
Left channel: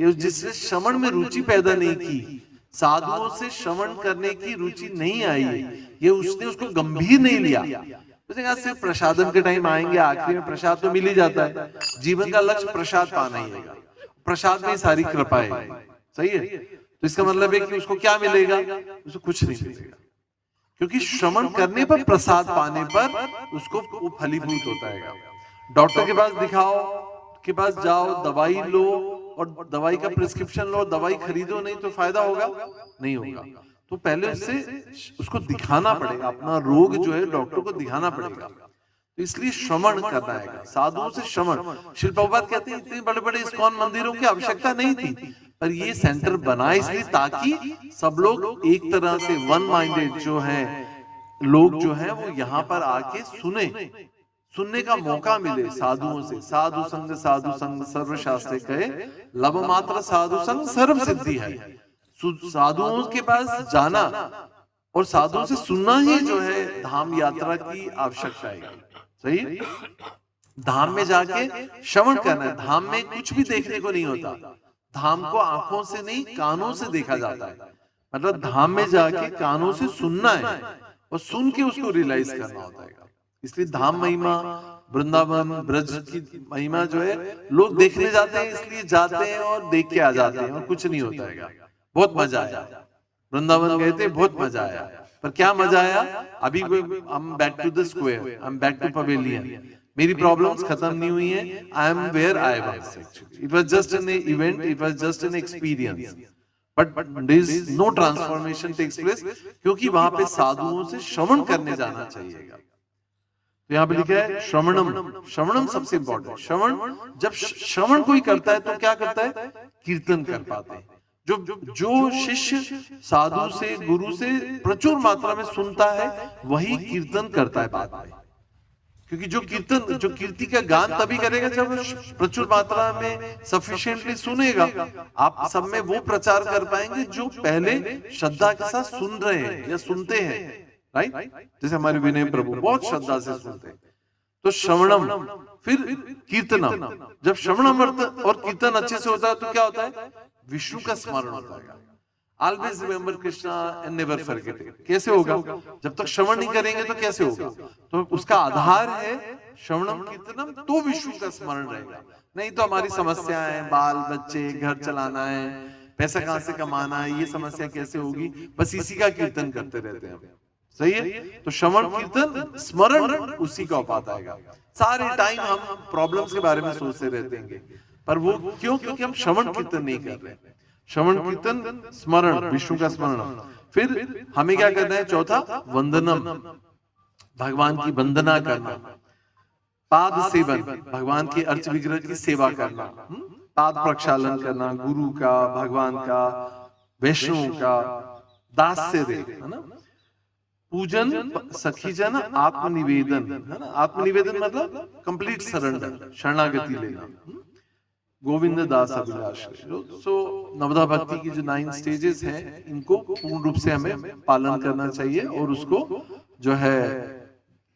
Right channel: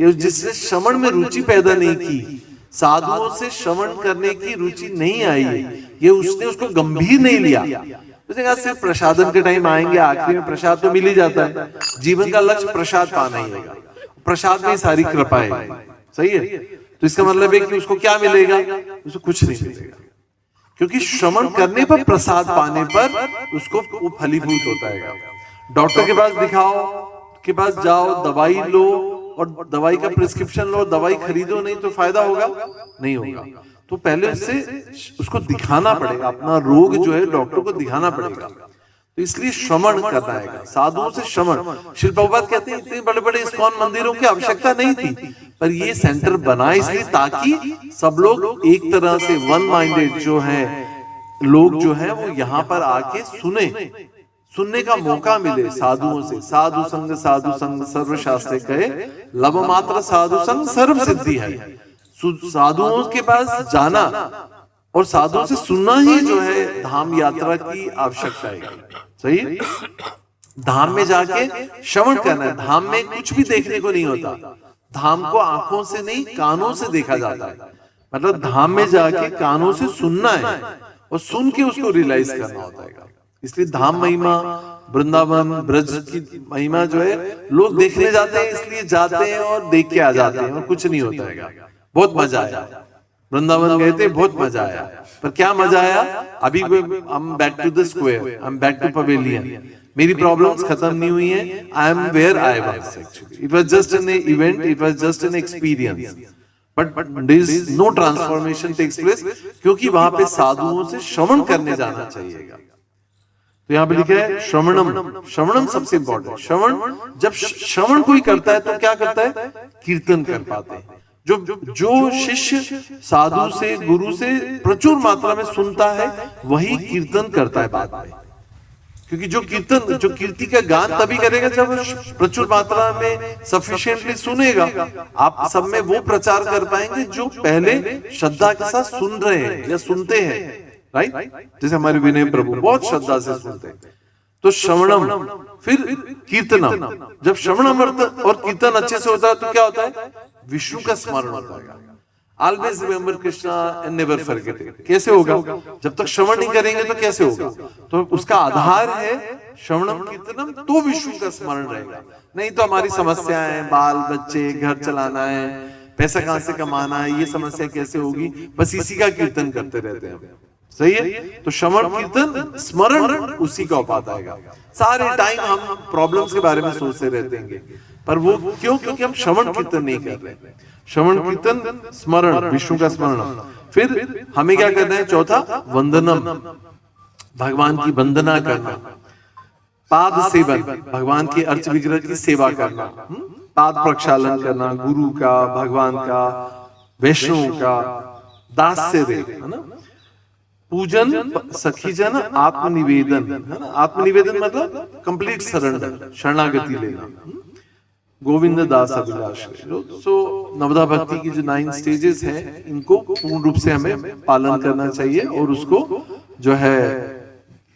या जिसने श्रवण में रुचि पैदा नहीं की, साधुओं से श्रवण करने की रुचि नहीं आई है, ये उसने उसको गंभीर नहीं लिया, सिर्फ प्रसादन के टाइम आएंगे, आखिरी में प्रसाद तो मिल ही जाता है, जीवन का लक्ष्य प्रसाद पाना ही है, प्रसाद में सारी कृपा है, सही है? तो इसका मतलब है कि उसको क्या मिलेगा? उसको कुछ नहीं मिलेगा, क्योंकि श्रवण करने पर, प्रसाद पाने पर उसको वो फलीभूत होता है। डॉक्टर के पास दिखाओ, के पास जाओ, दवाई लो और दवाई का प्रिस्क्रिप्शन लो, दवाई खरीदो नहीं तो फायदा होगा? नहीं होगा। तो पहले से उसको दिखाना पड़ेगा, अपना रोग जो है डॉक्टर को दिखाना पड़ेगा। तो इसलिए श्रवण करना है, साधुओं से श्रवण। श्री प्रभुपाद कहते हैं इतने बड़े बड़े इस्कॉन मंदिरों की आवश्यकता नहीं थी, पर ये सेंटर बना इसलिए ताकि सब लोग एक तरह से वन माइंडेड जो है लोग जो है वो यहाँ पर आके सुनने का मौका मिले साधुओं से। साधु संग सर्व शास्त्र कहे, लब मात्र साधु संग सर्व सिद्धि है। साधुओं के पास जाना और साधुओं से सुनना ही जो है धाम यात्रा की आवश्यकता है, सही? धाम में जाके श्रवण करना है। धाम में कुछ भी देखने को नहीं होता, धाम को आंखों से नहीं कानों से देखा जाता है। मतलब धाम में जाके कानों से सुनना है और सुन के उसको रियलाइज करना होता है। इसलिए धाम महिमा, वृंदावन ब्रज की महिमा जो है लोग देखने जाते हैं, इसलिए जाते हैं और देख के आ जाते हैं और कुछ नहीं होता है। बहुत मजा आया, वृंदावन गए थे, बहुत मजा आया, पर क्या मजा आया? अभी हम back to the square, I am back to pavilion. मेरी प्रॉब्लम्स खत्म नहीं हुई हैं, I am where I was actually. It was just an event, it was just an experience, but there is no transformation takes place, क्योंकि वहां पे साधुओं से श्रवण करने जाना चाहिए। तो यहाँ पे लिखा है श्रवणम, श्रवणम सबसे इंपॉर्टेंट। श्रवण, जब श्रवण कोई करता है तो क्या करता है? कीर्तन कर पाते हैं। जो शिष्य साधु से, गुरु से प्रचुर मात्रा में सुनता है वही कीर्तन करता है बाद में, क्योंकि जो कीर्ति का गान तभी करेगा जब प्रचुर मात्रा में सफिशिएंटली सुनेगा। आप सब में वो प्रचार कर पाएंगे जो पहले श्रद्धा के साथ सुन रहे हैं या सुनते हैं, राइट? जैसे हमारे विनय प्रभु बहुत श्रद्धा से सुनते हैं। तो श्रवणम, फिर कीर्तनम। जब श्रवणम और कीर्तन अच्छे से होता है तो क्या होता है? विष्णु का स्मरण होता है। Always remember Krishna and never forget it. कैसे होगा? जब तक श्रवण नहीं करेंगे तो कैसे होगा? तो उसका आधार है श्रवणम कीर्तनम, तो विष्णु का स्मरण रहेगा। नहीं तो हमारी समस्याएं हैं, बाल बच्चे, घर चलाना है, पैसा कहां से कमाना है, ये समस्या कैसे होगी? बस इसी का कीर्तन करते रहते हैं, सही है? तो श्रवण कीर्तन स्मरण उसी का उपाय आएगा। सारे टाइम हम प्रॉब्लम्स के बारे में सोचते रहते हैं, पर वो क्यों? क्योंकि हम श्रवण कीर्तन नहीं कर रहे। श्रवण कीर्तन स्मरण, विष्णु का स्मरण। फिर हमें क्या करना है? चौथा, वंदनम, भगवान की वंदना करना। पाद सेवन, भगवान के अर्च विग्रह की सेवा करना। पाद प्रक्षालन करना, गुरु का, भगवान का, वैष्णव का, दास्य है ना। पूजन, सखीजन, आत्मनिवेदन है ना। आत्मनिवेदन मतलब कंप्लीट सरेंडर, शरणागति लेना। गोविंद दास अभिलाष। सो नवदा भक्ति की जो 9 स्टेजेस हैं, इनको पूर्ण रूप से हमें पालन करना चाहिए और उसको जो है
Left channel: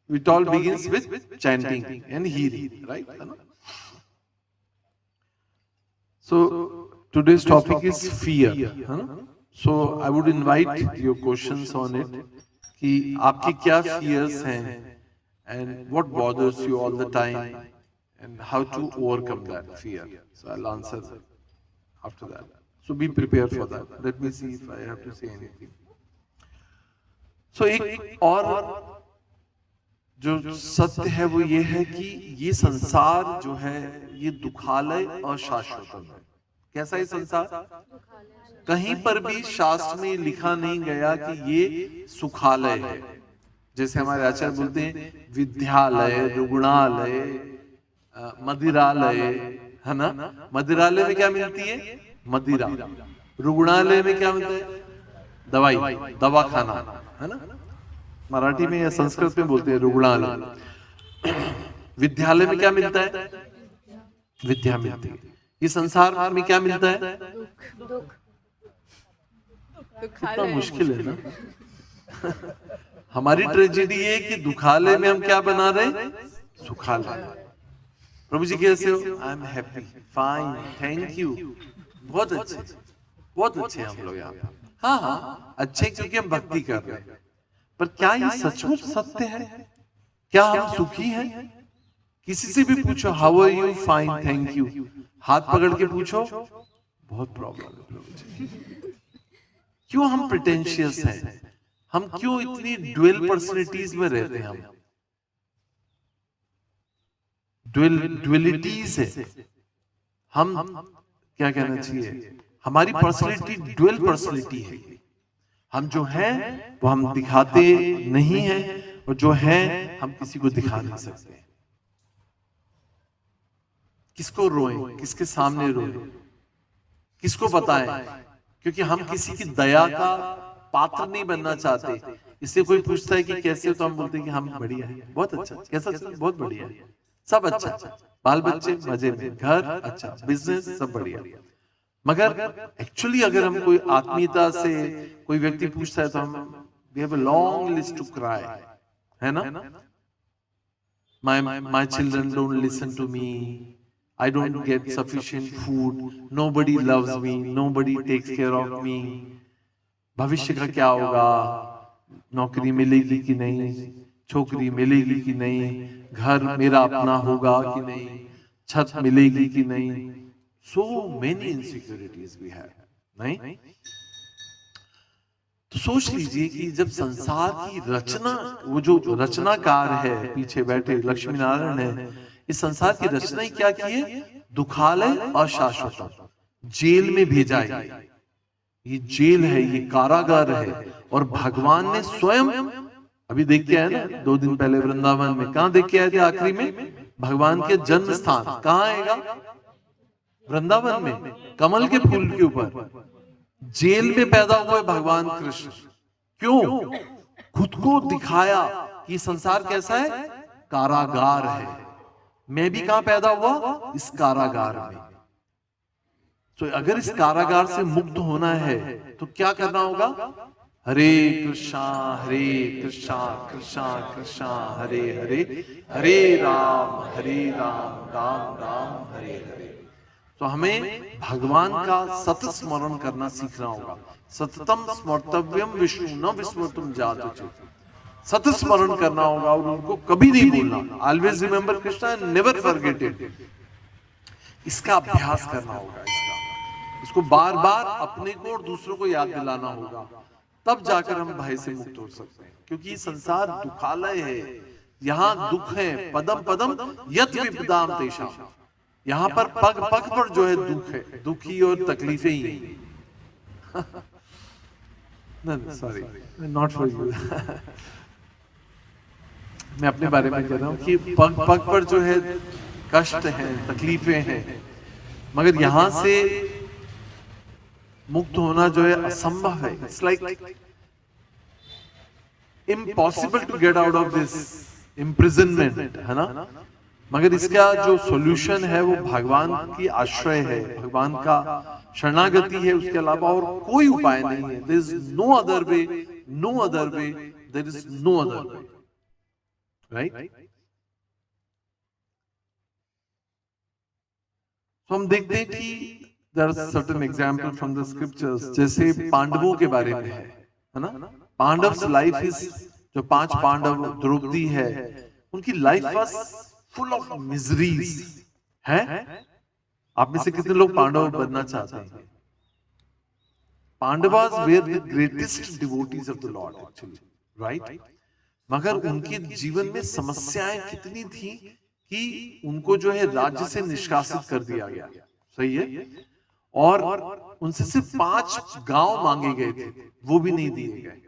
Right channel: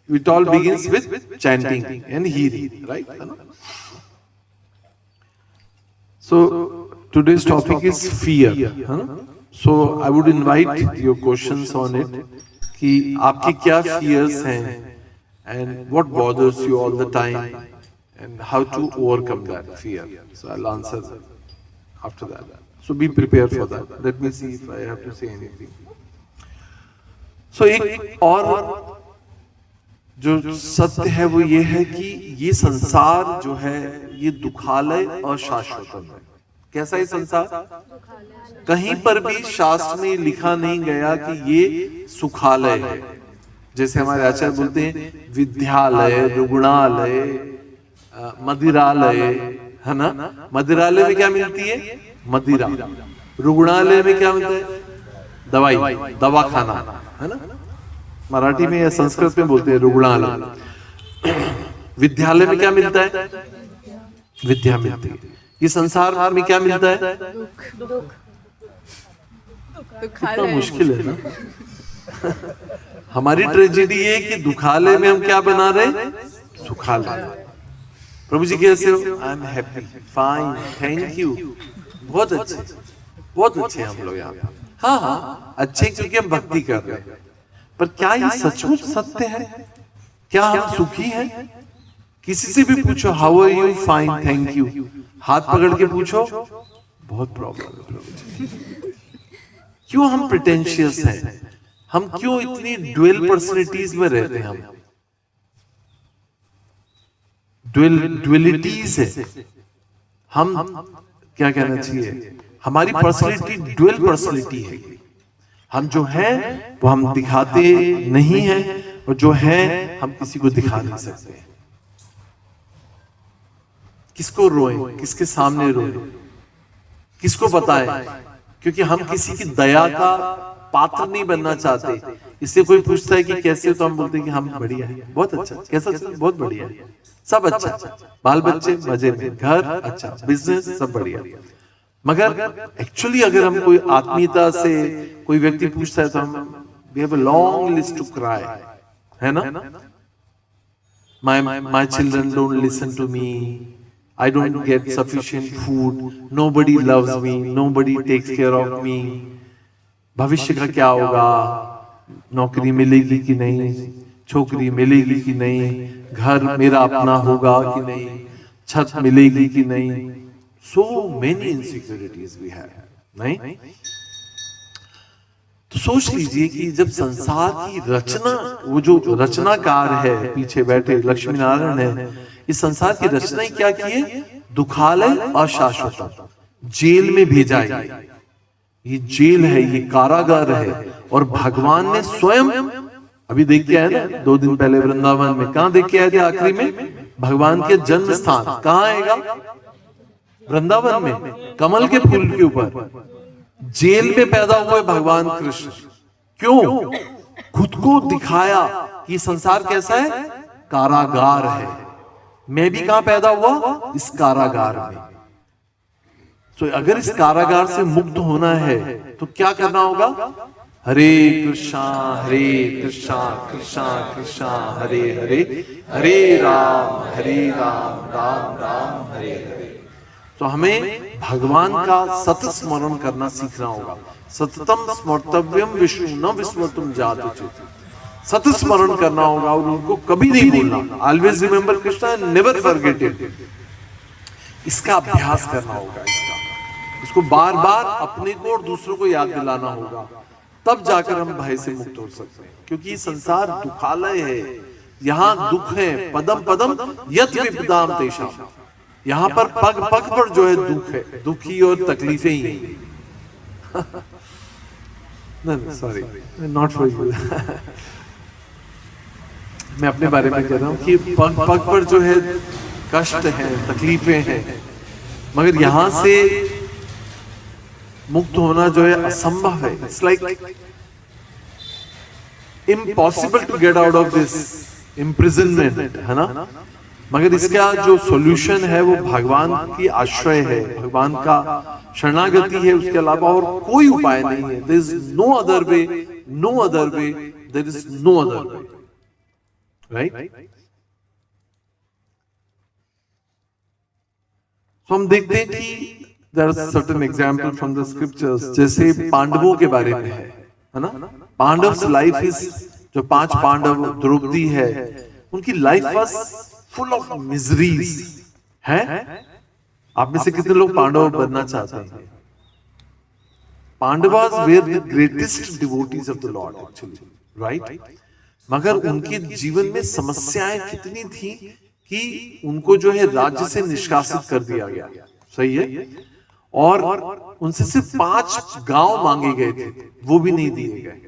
it all begins with chanting and hearing, right? So today's topic is fear, so I would invite your questions on it, कि आपके क्या fears हैं and what bothers you all the time and how to overcome that fear. So I'll answer after that. So be prepared for that. Let me see if I have to say anything. So एक और जो सत्य है वो ये है कि ये संसार जो है ये दुखालय और शाश्वतम है। कैसा है संसार? कहीं पर भी शास्त्र में लिखा नहीं गया कि ये सुखालय है। जैसे हमारे आचार्य बोलते हैं विद्यालय, रुग्णालय, मदिरालय, है ना? मदिरालय में क्या मिलती है? मदिरा। रुग्णालय में क्या मिलता है? दवाई, दवाखाना, है ना? मराठी में या संस्कृत में बोलते हैं रुग्णालय। विद्यालय में क्या मिलता है? विद्या मिलती है। ये संसार में क्या मिलता है? कितना मुश्किल है ना। हमारी ट्रेजेडी ये कि दुखालय में हम क्या बना रहे? सुखालय। प्रभु जी कैसे हो? I am happy, fine, thank you. बहुत अच्छे हम लोग यहाँ। हाँ हाँ, अच्छे क्योंकि हम भक्ति कर रहे हैं। पर क्या ये सचमुच सत्य है? क्या हम सुखी हैं? किसी से भी पूछो how are you, fine, thank you, हाथ पकड़ के पूछो, बहुत प्रॉब्लम है। क्यों हम प्रिटेंशियस हैं? हम क्यों इतनी ड्यूअल पर्सनैलिटीज में रहते हैं? हम ड्युअलिटीज है। हम क्या कहना चाहिए, हमारी पर्सनैलिटी ड्यूअल पर्सनैलिटी है। हम जो है वो हम दिखाते नहीं है, और जो है हम किसी को दिखा नहीं सकते। किसको रोए, किसके सामने रोए, किसको बताएं? क्योंकि हम किसी की दया का पात्र नहीं बनना चाहते। इसलिए कोई पूछता है कि कैसे, तो हम बोलते हैं कि हम बढ़िया है, बहुत अच्छा। कैसा चल? बहुत बढ़िया, सब अच्छा, बाल बच्चे मजे में, घर अच्छा, बिजनेस सब बढ़िया। मगर एक्चुअली अगर हम कोई आत्मीयता से कोई व्यक्ति पूछता है तो हम we have a long list to cry, है ना? My children don't listen to me, I don't get sufficient food, nobody loves me, nobody takes care of me. भविष्य का क्या होगा? नौकरी मिलेगी कि नहीं, छोकरी मिलेगी कि नहीं, घर मेरा अपना होगा कि नहीं, छत मिलेगी कि नहीं। So many insecurities we have, नहीं? तो सोच लीजिए कि जब संसार की रचना, वो जो रचनाकार है पीछे बैठे लक्ष्मी नारायण है, इस संसार की रचना ही क्या की है? दुखालय और शाश्वत, जेल में भेजा है। ये जेल है, ये कारागार है। और भगवान ने स्वयं अभी देख के आए ना 2 दिन पहले वृंदावन में, कहां देख के आए थे? आखिरी में भगवान के जन्म स्थान कहां आएगा? वृंदावन में, कमल के फूल के ऊपर। जेल में पैदा हुए भगवान कृष्ण। क्यों? खुद को दिखाया कि संसार कैसा है? कारागार है। मैं भी कहां पैदा हुआ? इस कारागार में। तो अगर इस कारागार से मुक्त होना है तो क्या करना होगा? हरे कृष्णा कृष्णा कृष्णा हरे हरे, हरे राम राम राम हरे हरे। तो हमें भगवान का सतत स्मरण करना सीखना होगा। सततम स्मर्तव्यम विष्णु न विस्मर्तुम जातुचित। सतत स्मरण करना होगा और उनको कभी नहीं भूलना। Always remember Krishna and never forget it. इसका अभ्यास करना होगा। इसको बार बार अपने को और दूसरों को याद दिलाना होगा, तब जाकर हम भय से मुक्त हो सकते हैं। क्योंकि ये संसार दुखालय है, यहाँ दुख है। पदम पदम यत् विपदाम तेषाम। यहाँ पर पग पग पर जो है दुख है, दुखी और तकलीफें ही हैं। नहीं सॉरी, नॉट फॉर यू। मैं अपने बारे में कह रहा हूँ कि पग पग पर जो है कष्ट है, तकलीफें हैं। मगर यहाँ से मुक्त होना जो है असंभव है। It's like impossible to get out of this imprisonment, है ना? मगर इसका जो सॉल्यूशन है वो भगवान की आश्रय है, भगवान का शरणागति है। उसके अलावा और कोई उपाय नहीं है। There is no other way, no other way, there is no other way, right? तो हम देखते हैं कि there are certain example from the scriptures. जैसे पांडवों के बारे में है ना? पांडव्स लाइफ इज, जो 5 पांडव, द्रौपदी है, उनकी life was full of miseries है। आप में से कितने लोग पांडव बनना चाहते हैं? Pandavas were the greatest devotees of the Lord actually, right? मगर उनके जीवन में समस्याएं कितनी थी कि उनको जो है राज्य से निष्कासित कर दिया गया, सही है, और उनसे सिर्फ 5 गांव मांगे गए थे, वो भी नहीं दिए गए।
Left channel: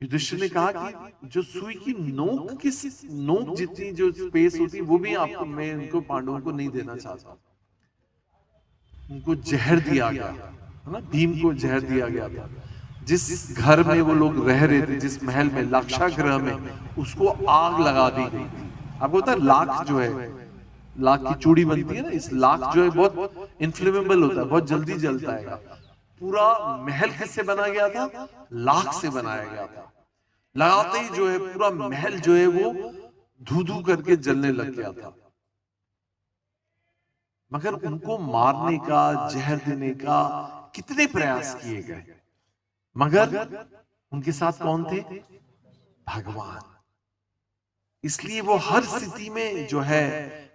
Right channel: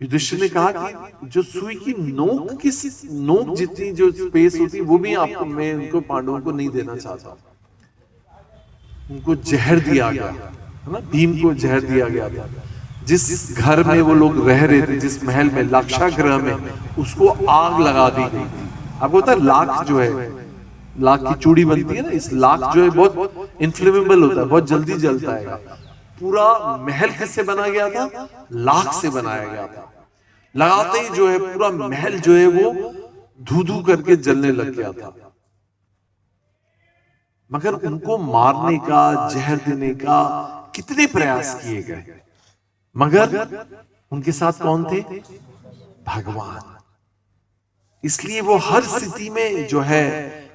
युधिष्ठिर ने कहा कि जो सुई की नोक जितनी जो स्पेस होती वो भी आपको, मैं उनको पांडवों को नहीं देना चाहता। उनको जहर दिया गया है ना, भीम को जहर दिया गया था। जिस घर में वो लोग रह रहे थे, जिस महल में, लाक्षागृह में, उसको आग लगा दी गई थी। आपको पता है लाख जो है, लाख की चूड़ी बनती है ना, इस लाख जो है बहुत इन्फ्लेमेबल होता है, बहुत जल्दी जलता है। पूरा महल किससे बना गया था? लाख से बनाया गया था। लगाते ही जो है पूरा महल जो है वो धू धू करके जलने लग गया था। मगर उनको मारने का, जहर देने का कितने प्रयास किए गए, मगर उनके साथ कौन थे? भगवान। इसलिए वो हर स्थिति में जो है,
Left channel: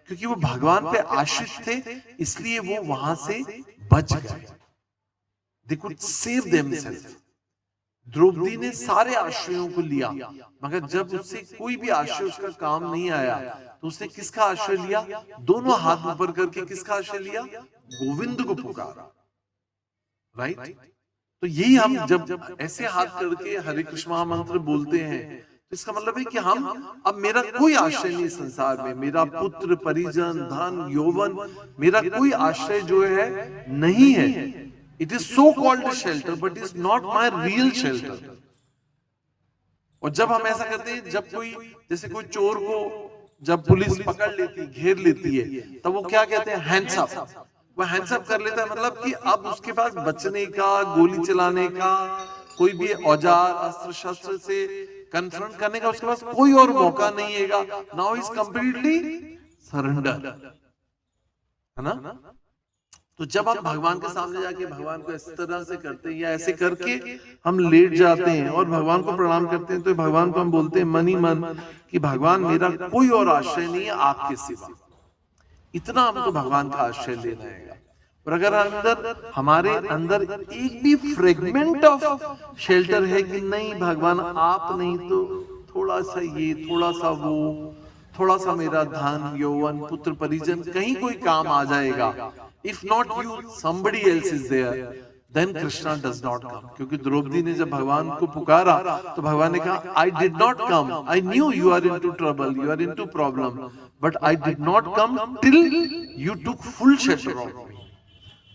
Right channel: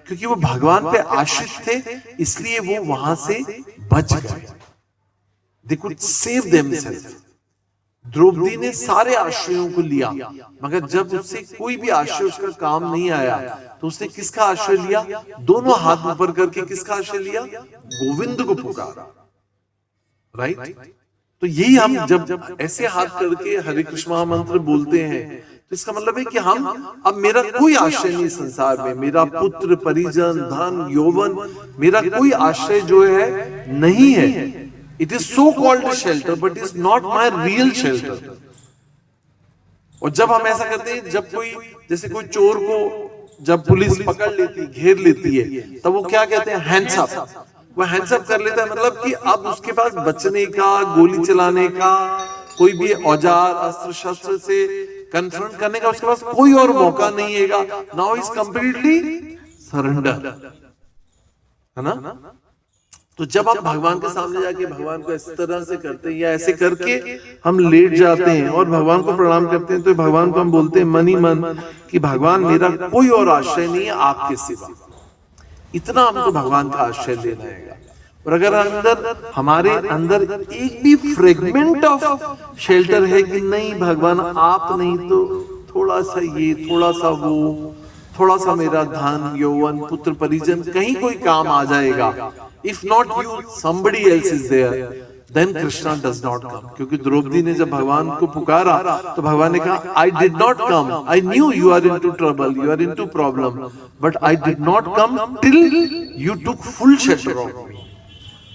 क्योंकि वो भगवान पे आश्रित थे, इसलिए वो वहां से बच गए। They could save themselves. Draupadi ने सारे आश्रयों को लिया, मगर जब उससे कोई भी आश्रय उसका काम नहीं आया, तो उसने किसका आश्रय लिया? दोनों हाथ ऊपर करके किसका आश्रय लिया? गोविंद को पुकारा, राइट? तो यही हम जब ऐसे हाथ करके हरे कृष्ण महामंत्र बोलते हैं, तो इसका मतलब है कि हम, अब मेरा कोई आश्रय नहीं संसार में, मेरा पुत्र, परिजन, धन, यौवन, मेरा कोई आश्रय जो है नहीं है। It is so called a shelter, but it is not my real shelter. और जब हम ऐसा करते हैं, जब कोई, जैसे कोई चोर को जब पुलिस पकड़ लेती, घेर लेती है, तब वो क्या कहते हैं? Hands up. वो हैंड्स अप कर लेता है, मतलब कि अब उसके पास बचने का, गोली चलाने का, कोई भी औजार, अस्त्र शस्त्र से कन्फ्रंट करने का उसके पास कोई और मौका नहीं है। नाउ इज कंप्लीटली सरेंडर, है ना? तो जब हम भगवान के सामने जाके भगवान को इस तरह से करते हैं, या ऐसे करके हम लेट जाते हैं और भगवान को प्रणाम करते हैं, तो भगवान को हम बोलते हैं मन ही मन कि भगवान मेरा कोई और आश्रय नहीं है आपके सिवा। इतना हमको भगवान का आश्रय लेना है। और अगर अंदर, हमारे अंदर एक भी फ्रेगमेंट ऑफ शेल्टर है कि नहीं भगवान आप नहीं तो थोड़ा सा ये, थोड़ा सा वो, थोड़ा सा मेरा धन, यौवन, पुत्र, परिजन कहीं कोई काम आ जाएगा, if not you somebody else is there, then Krishna does not come. क्योंकि द्रौपदी ने जब भगवान को पुकारा, तो भगवान ने कहा I did not come, I knew you are into trouble, you are into problem, but I did not come till you took full shelter of me.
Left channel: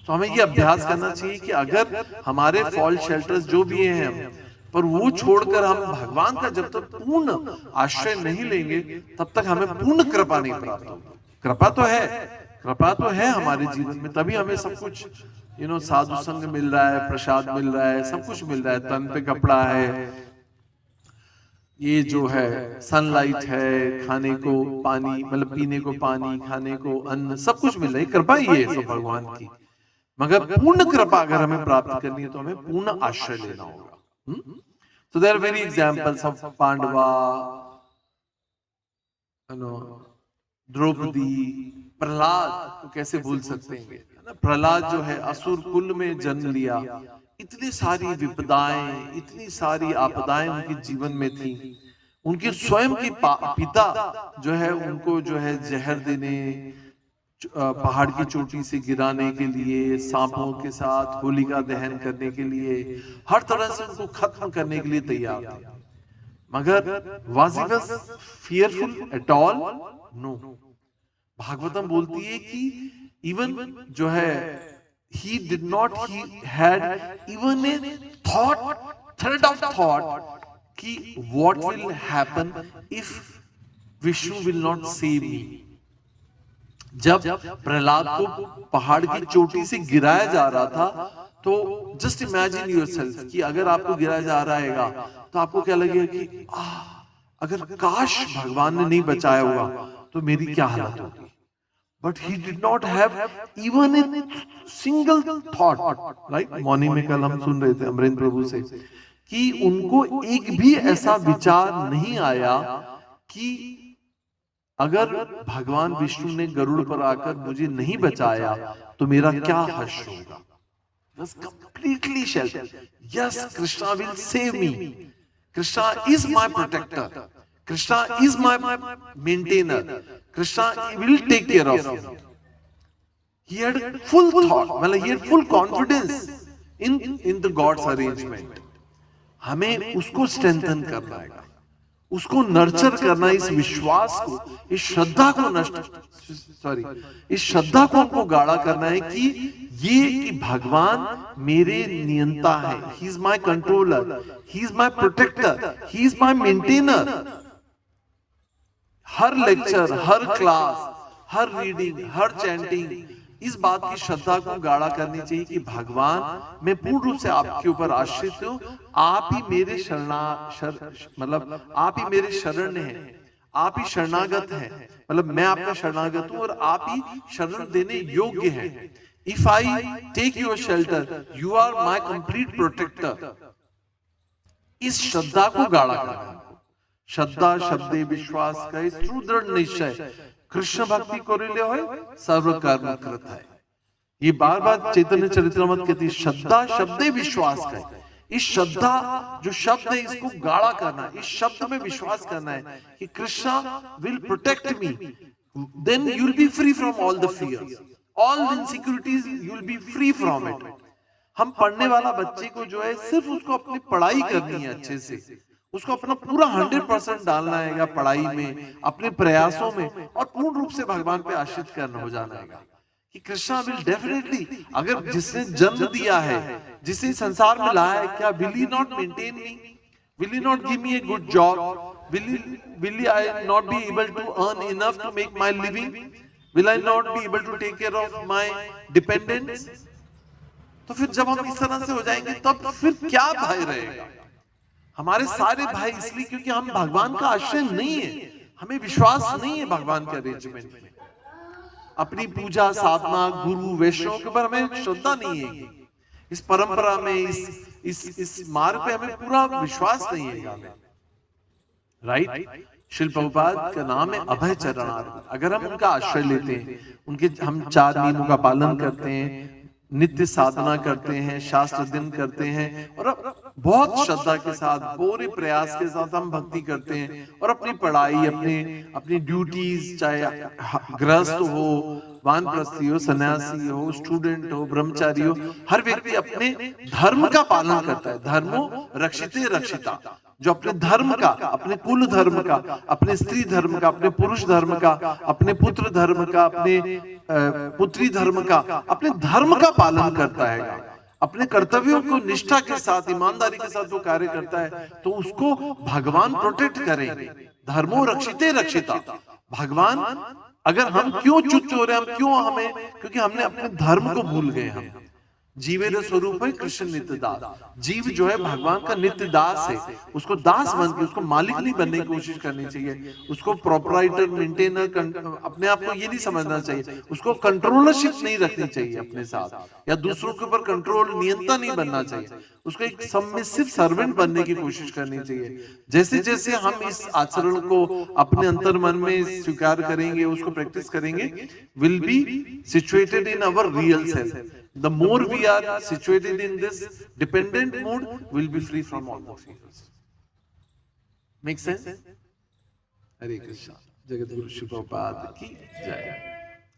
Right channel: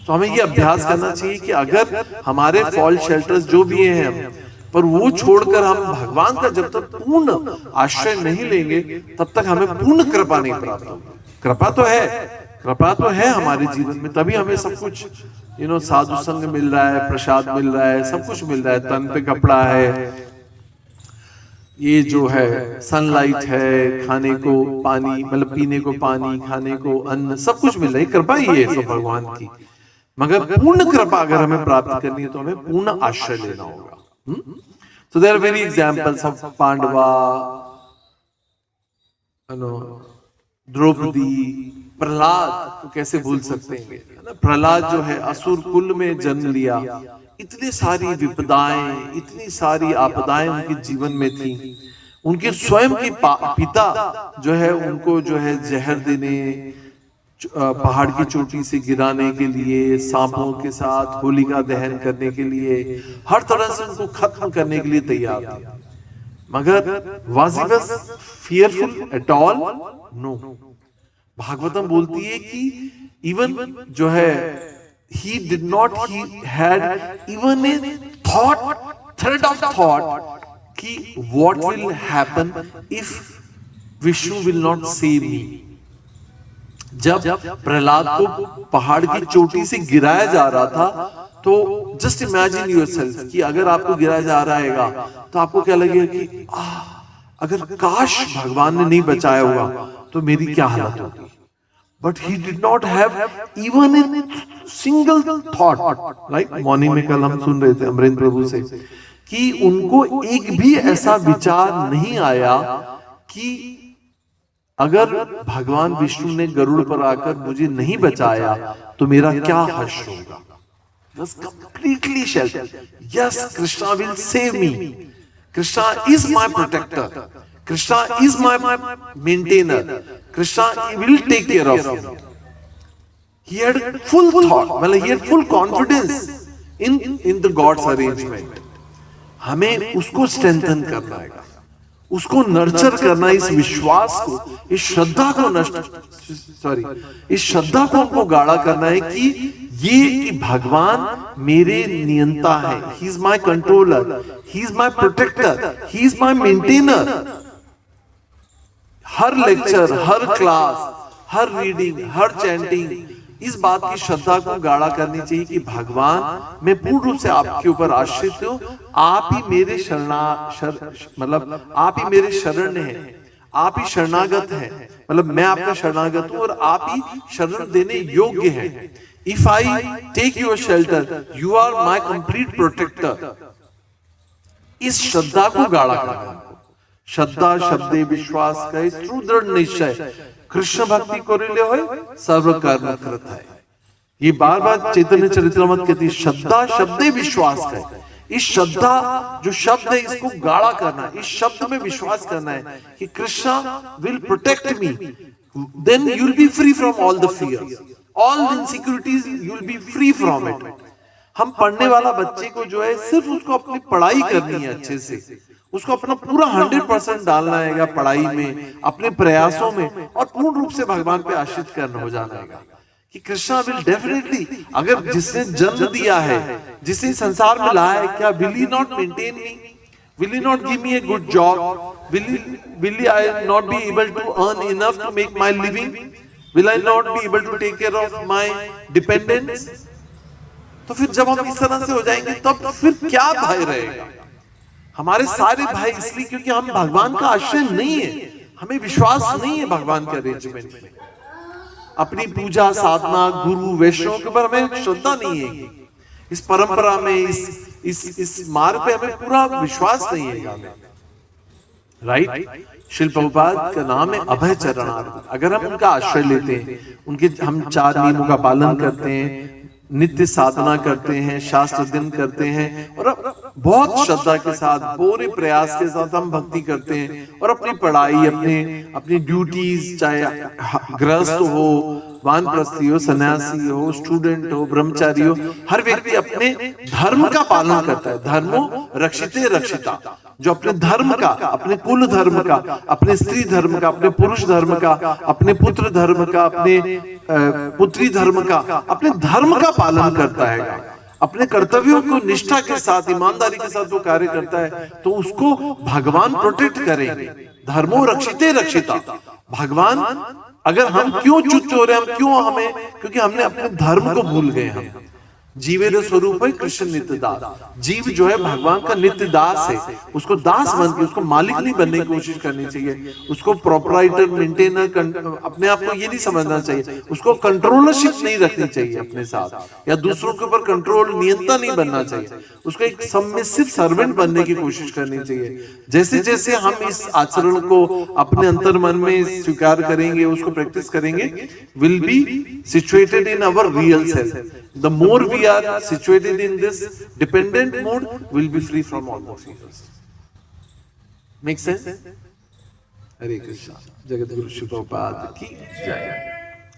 तो हमें ये अभ्यास करना चाहिए कि अगर हमारे फॉल शेल्टर्स जो भी हैं हम, पर वो छोड़कर हम भगवान का जब तक पूर्ण आश्रय नहीं लेंगे, तब तक हमें पूर्ण कृपा नहीं प्राप्त होगी। कृपा तो है, कृपा तो है हमारे जीवन में, तभी हमें सब कुछ, साधु संग मिल रहा है, प्रसाद मिल रहा है, सब कुछ मिल रहा है, तन पे कपड़ा है, ये जो है सनलाइट है, खाने को पानी, मतलब पीने को पानी, खाने को अन्न, सब कुछ मिल रहा है। कृपा ही है सब भगवान की। मगर पूर्ण कृपा अगर हमें प्राप्त करनी है, तो हमें पूर्ण आश्रय लेना होगा। So there are many examples of पांडवा, द्रौपदी, प्रहलाद को कैसे भूल सकते हैं? प्रहलाद जो है असुर कुल में जन्म लिया, इतनी सारी विपदाएं, इतनी सारी आपदाएं उनके जीवन में थी। उनके स्वयं के पिता जो है उनको जो है जहर देने, पहाड़ की चोटी से गिराने के लिए, सांपों के साथ होलिका दहन करने के लिए, हर तरह से उनको खत्म करने के लिए तैयार थे। मगर was he fearful at all? No. Bhagavatam बोलती है कि इवन जो है he did not, he had even a thought, thread of thought कि what will happen if Vishnu will not save me। जब प्रहलाद को पहाड़ की चोटी से गिराया जा रहा था, तो जस्ट इमेजिन योरसेल्फ कि अगर आपको गिराया जा रहा है, तो आपको क्या लगेगा कि अगर काश भगवान ने नहीं बचाया हुआ तो मेरी क्या हालत होगी। But he did not have even a single thought. Right, morning में कल हम सुन रहे थे अमरेंद्र प्रभु से कि उनको एक भी ऐसा विचार नहीं आया कि अगर भगवान विष्णु ने गरुड़ पर आकर मुझे नहीं बचाया तो मेरा क्या हर्ष होगा? Was completely sheltered. Yes, Krishna will save me. Krishna is my protector. Krishna is my maintainer. Krishna will take care of me. He had full thought, well, he had full confidence in the God's arrangement. हमें उसको strengthen करना है, उसको nurture करना, इस विश्वास को, इस श्रद्धा को इस श्रद्धा को हमको गाढ़ा करना है कि भगवान मेरे नियंता है. He is my controller, he is my protector, he is my maintainer. हर लेक्चर, हर क्लास, हर रीडिंग, हर चैंटिंग, इस बात की श्रद्धा को गाढ़ा करनी चाहिए कि भगवान, मैं पूर्ण रूप से आपके ऊपर आश्रित हूं, आप ही मेरे मतलब आप ही मेरे शरण हैं, आप ही शरणागत हैं, मतलब मैं आपका शरणागत हूं और आप ही शरण देने योग्य हैं. If I take your shelter, you are my complete protector. इस श्रद्धा को गाढ़ा करना. श्रद्धा शब्दे विश्वास का दृढ़ निश्चय, कृष्ण भक्ति करिले होय सर्व कर्म कृत है. ये बार बार चैतन्य चरितमृत कहती है, श्रद्धा शब्दे विश्वास का. इस श्रद्धा जो शब्द है इसको गाढ़ा करना, इस शब्द में विश्वास करना है कि Krishna will protect me, then you will be free from all the fears, all insecurities, you will be free from it. हम पढ़ने वाला बच्चे को जो है सिर्फ उसको अपनी पढ़ाई करनी है, अच्छे से उसको अपना पूरा 100% डालना है पढ़ाई में, अपने प्रयासों में, और पूर्ण रूप से भगवान पे आश्रित करना हो जाना है कि कृष्णा विल डेफिनेटली, अगर जिसने जन्म दिया है, जिसने संसार में लाया है, क्या will he not maintain me, will he not give me a good job, will I not be able to earn enough to make my living, will I not be able to take care of my dependents. तो फिर जब हम इस तरह से हो जाएंगे तब फिर क्या भय रहेगा? हमारे सारे भाई इसलिए क्योंकि हम भगवान का आश्रय नहीं है, हमें विश्वास नहीं है भगवान के अरेंजमेंट में, अपनी पूजा साधना गुरु वैष्णव के ऊपर हमें श्रद्धा नहीं है, इस परंपरा में, इस मार्ग पे हमें पूरा विश्वास नहीं है. राइट? शिल प्रभुपाद का नाम है अभय चरणार्थ. अगर हम उनका आश्रय लेते हैं, उनके हम 4 नियमों का पालन करते हैं, नित्य साधना करते हैं, शास्त्र अध्ययन करते हैं, और बहुत श्रद्धा के साथ, पूरे प्रयास के साथ हम भक्ति करते हैं, और अपनी पढ़ाई, अपनी ड्यूटीज, चाहे गृहस्थ हो, वानप्रस्थी हो, सन्यासी हो, स्टूडेंट हो, ब्रह्मचारी हो, हर व्यक्ति अपने धर्म का पालन करता है. धर्मो रक्षिते रक्षिता. जो अपने धर्म का, अपने कुल धर्म का, अपने स्त्री धर्म का, अपने पुरुष धर्म का, अपने पुत्र धर्म का, अपने पुत्री धर्म का, अपने धर्म का पालन करता है, अपने कर्तव्यों को निष्ठा के साथ, ईमानदारी के साथ वो कार्य करता है, तो उसको भगवान प्रोटेक्ट करेंगे. धर्मो रक्षिते रक्षिता. भगवान, अगर हम क्यों च्युत हो रहे हैं, हम क्यों, हमें, क्योंकि हमने अपने धर्म को भूल गए. हम जीवेर स्वरूप है कृष्ण नित्य दास. जीव जो है भगवान का नित्य दास है, उसको दास बन के, उसको मालिक नहीं बनने की कोशिश करनी चाहिए, उसको प्रोपराइटर, मेंटेनर, अपने आप को ये नहीं समझना चाहिए, उसको कंट्रोलरशिप नहीं रखनी चाहिए अपने साथ, या दूसरों के ऊपर कंट्रोल, नियंत्रण नहीं बनना चाहिए, उसको एक सबमिसिव सर्वेंट बनने की कोशिश करनी चाहिए. जैसे जैसे हम इस आचरण को अपने अंतर मन में स्वीकार करेंगे, उसको प्रैक्टिस करेंगे, will be situated in our real self. The more we are situated in this dependent mode, we'll be free from all those fears. Make sense? Hare Krishna. Jagadguru Shri Prabhupada ki jai.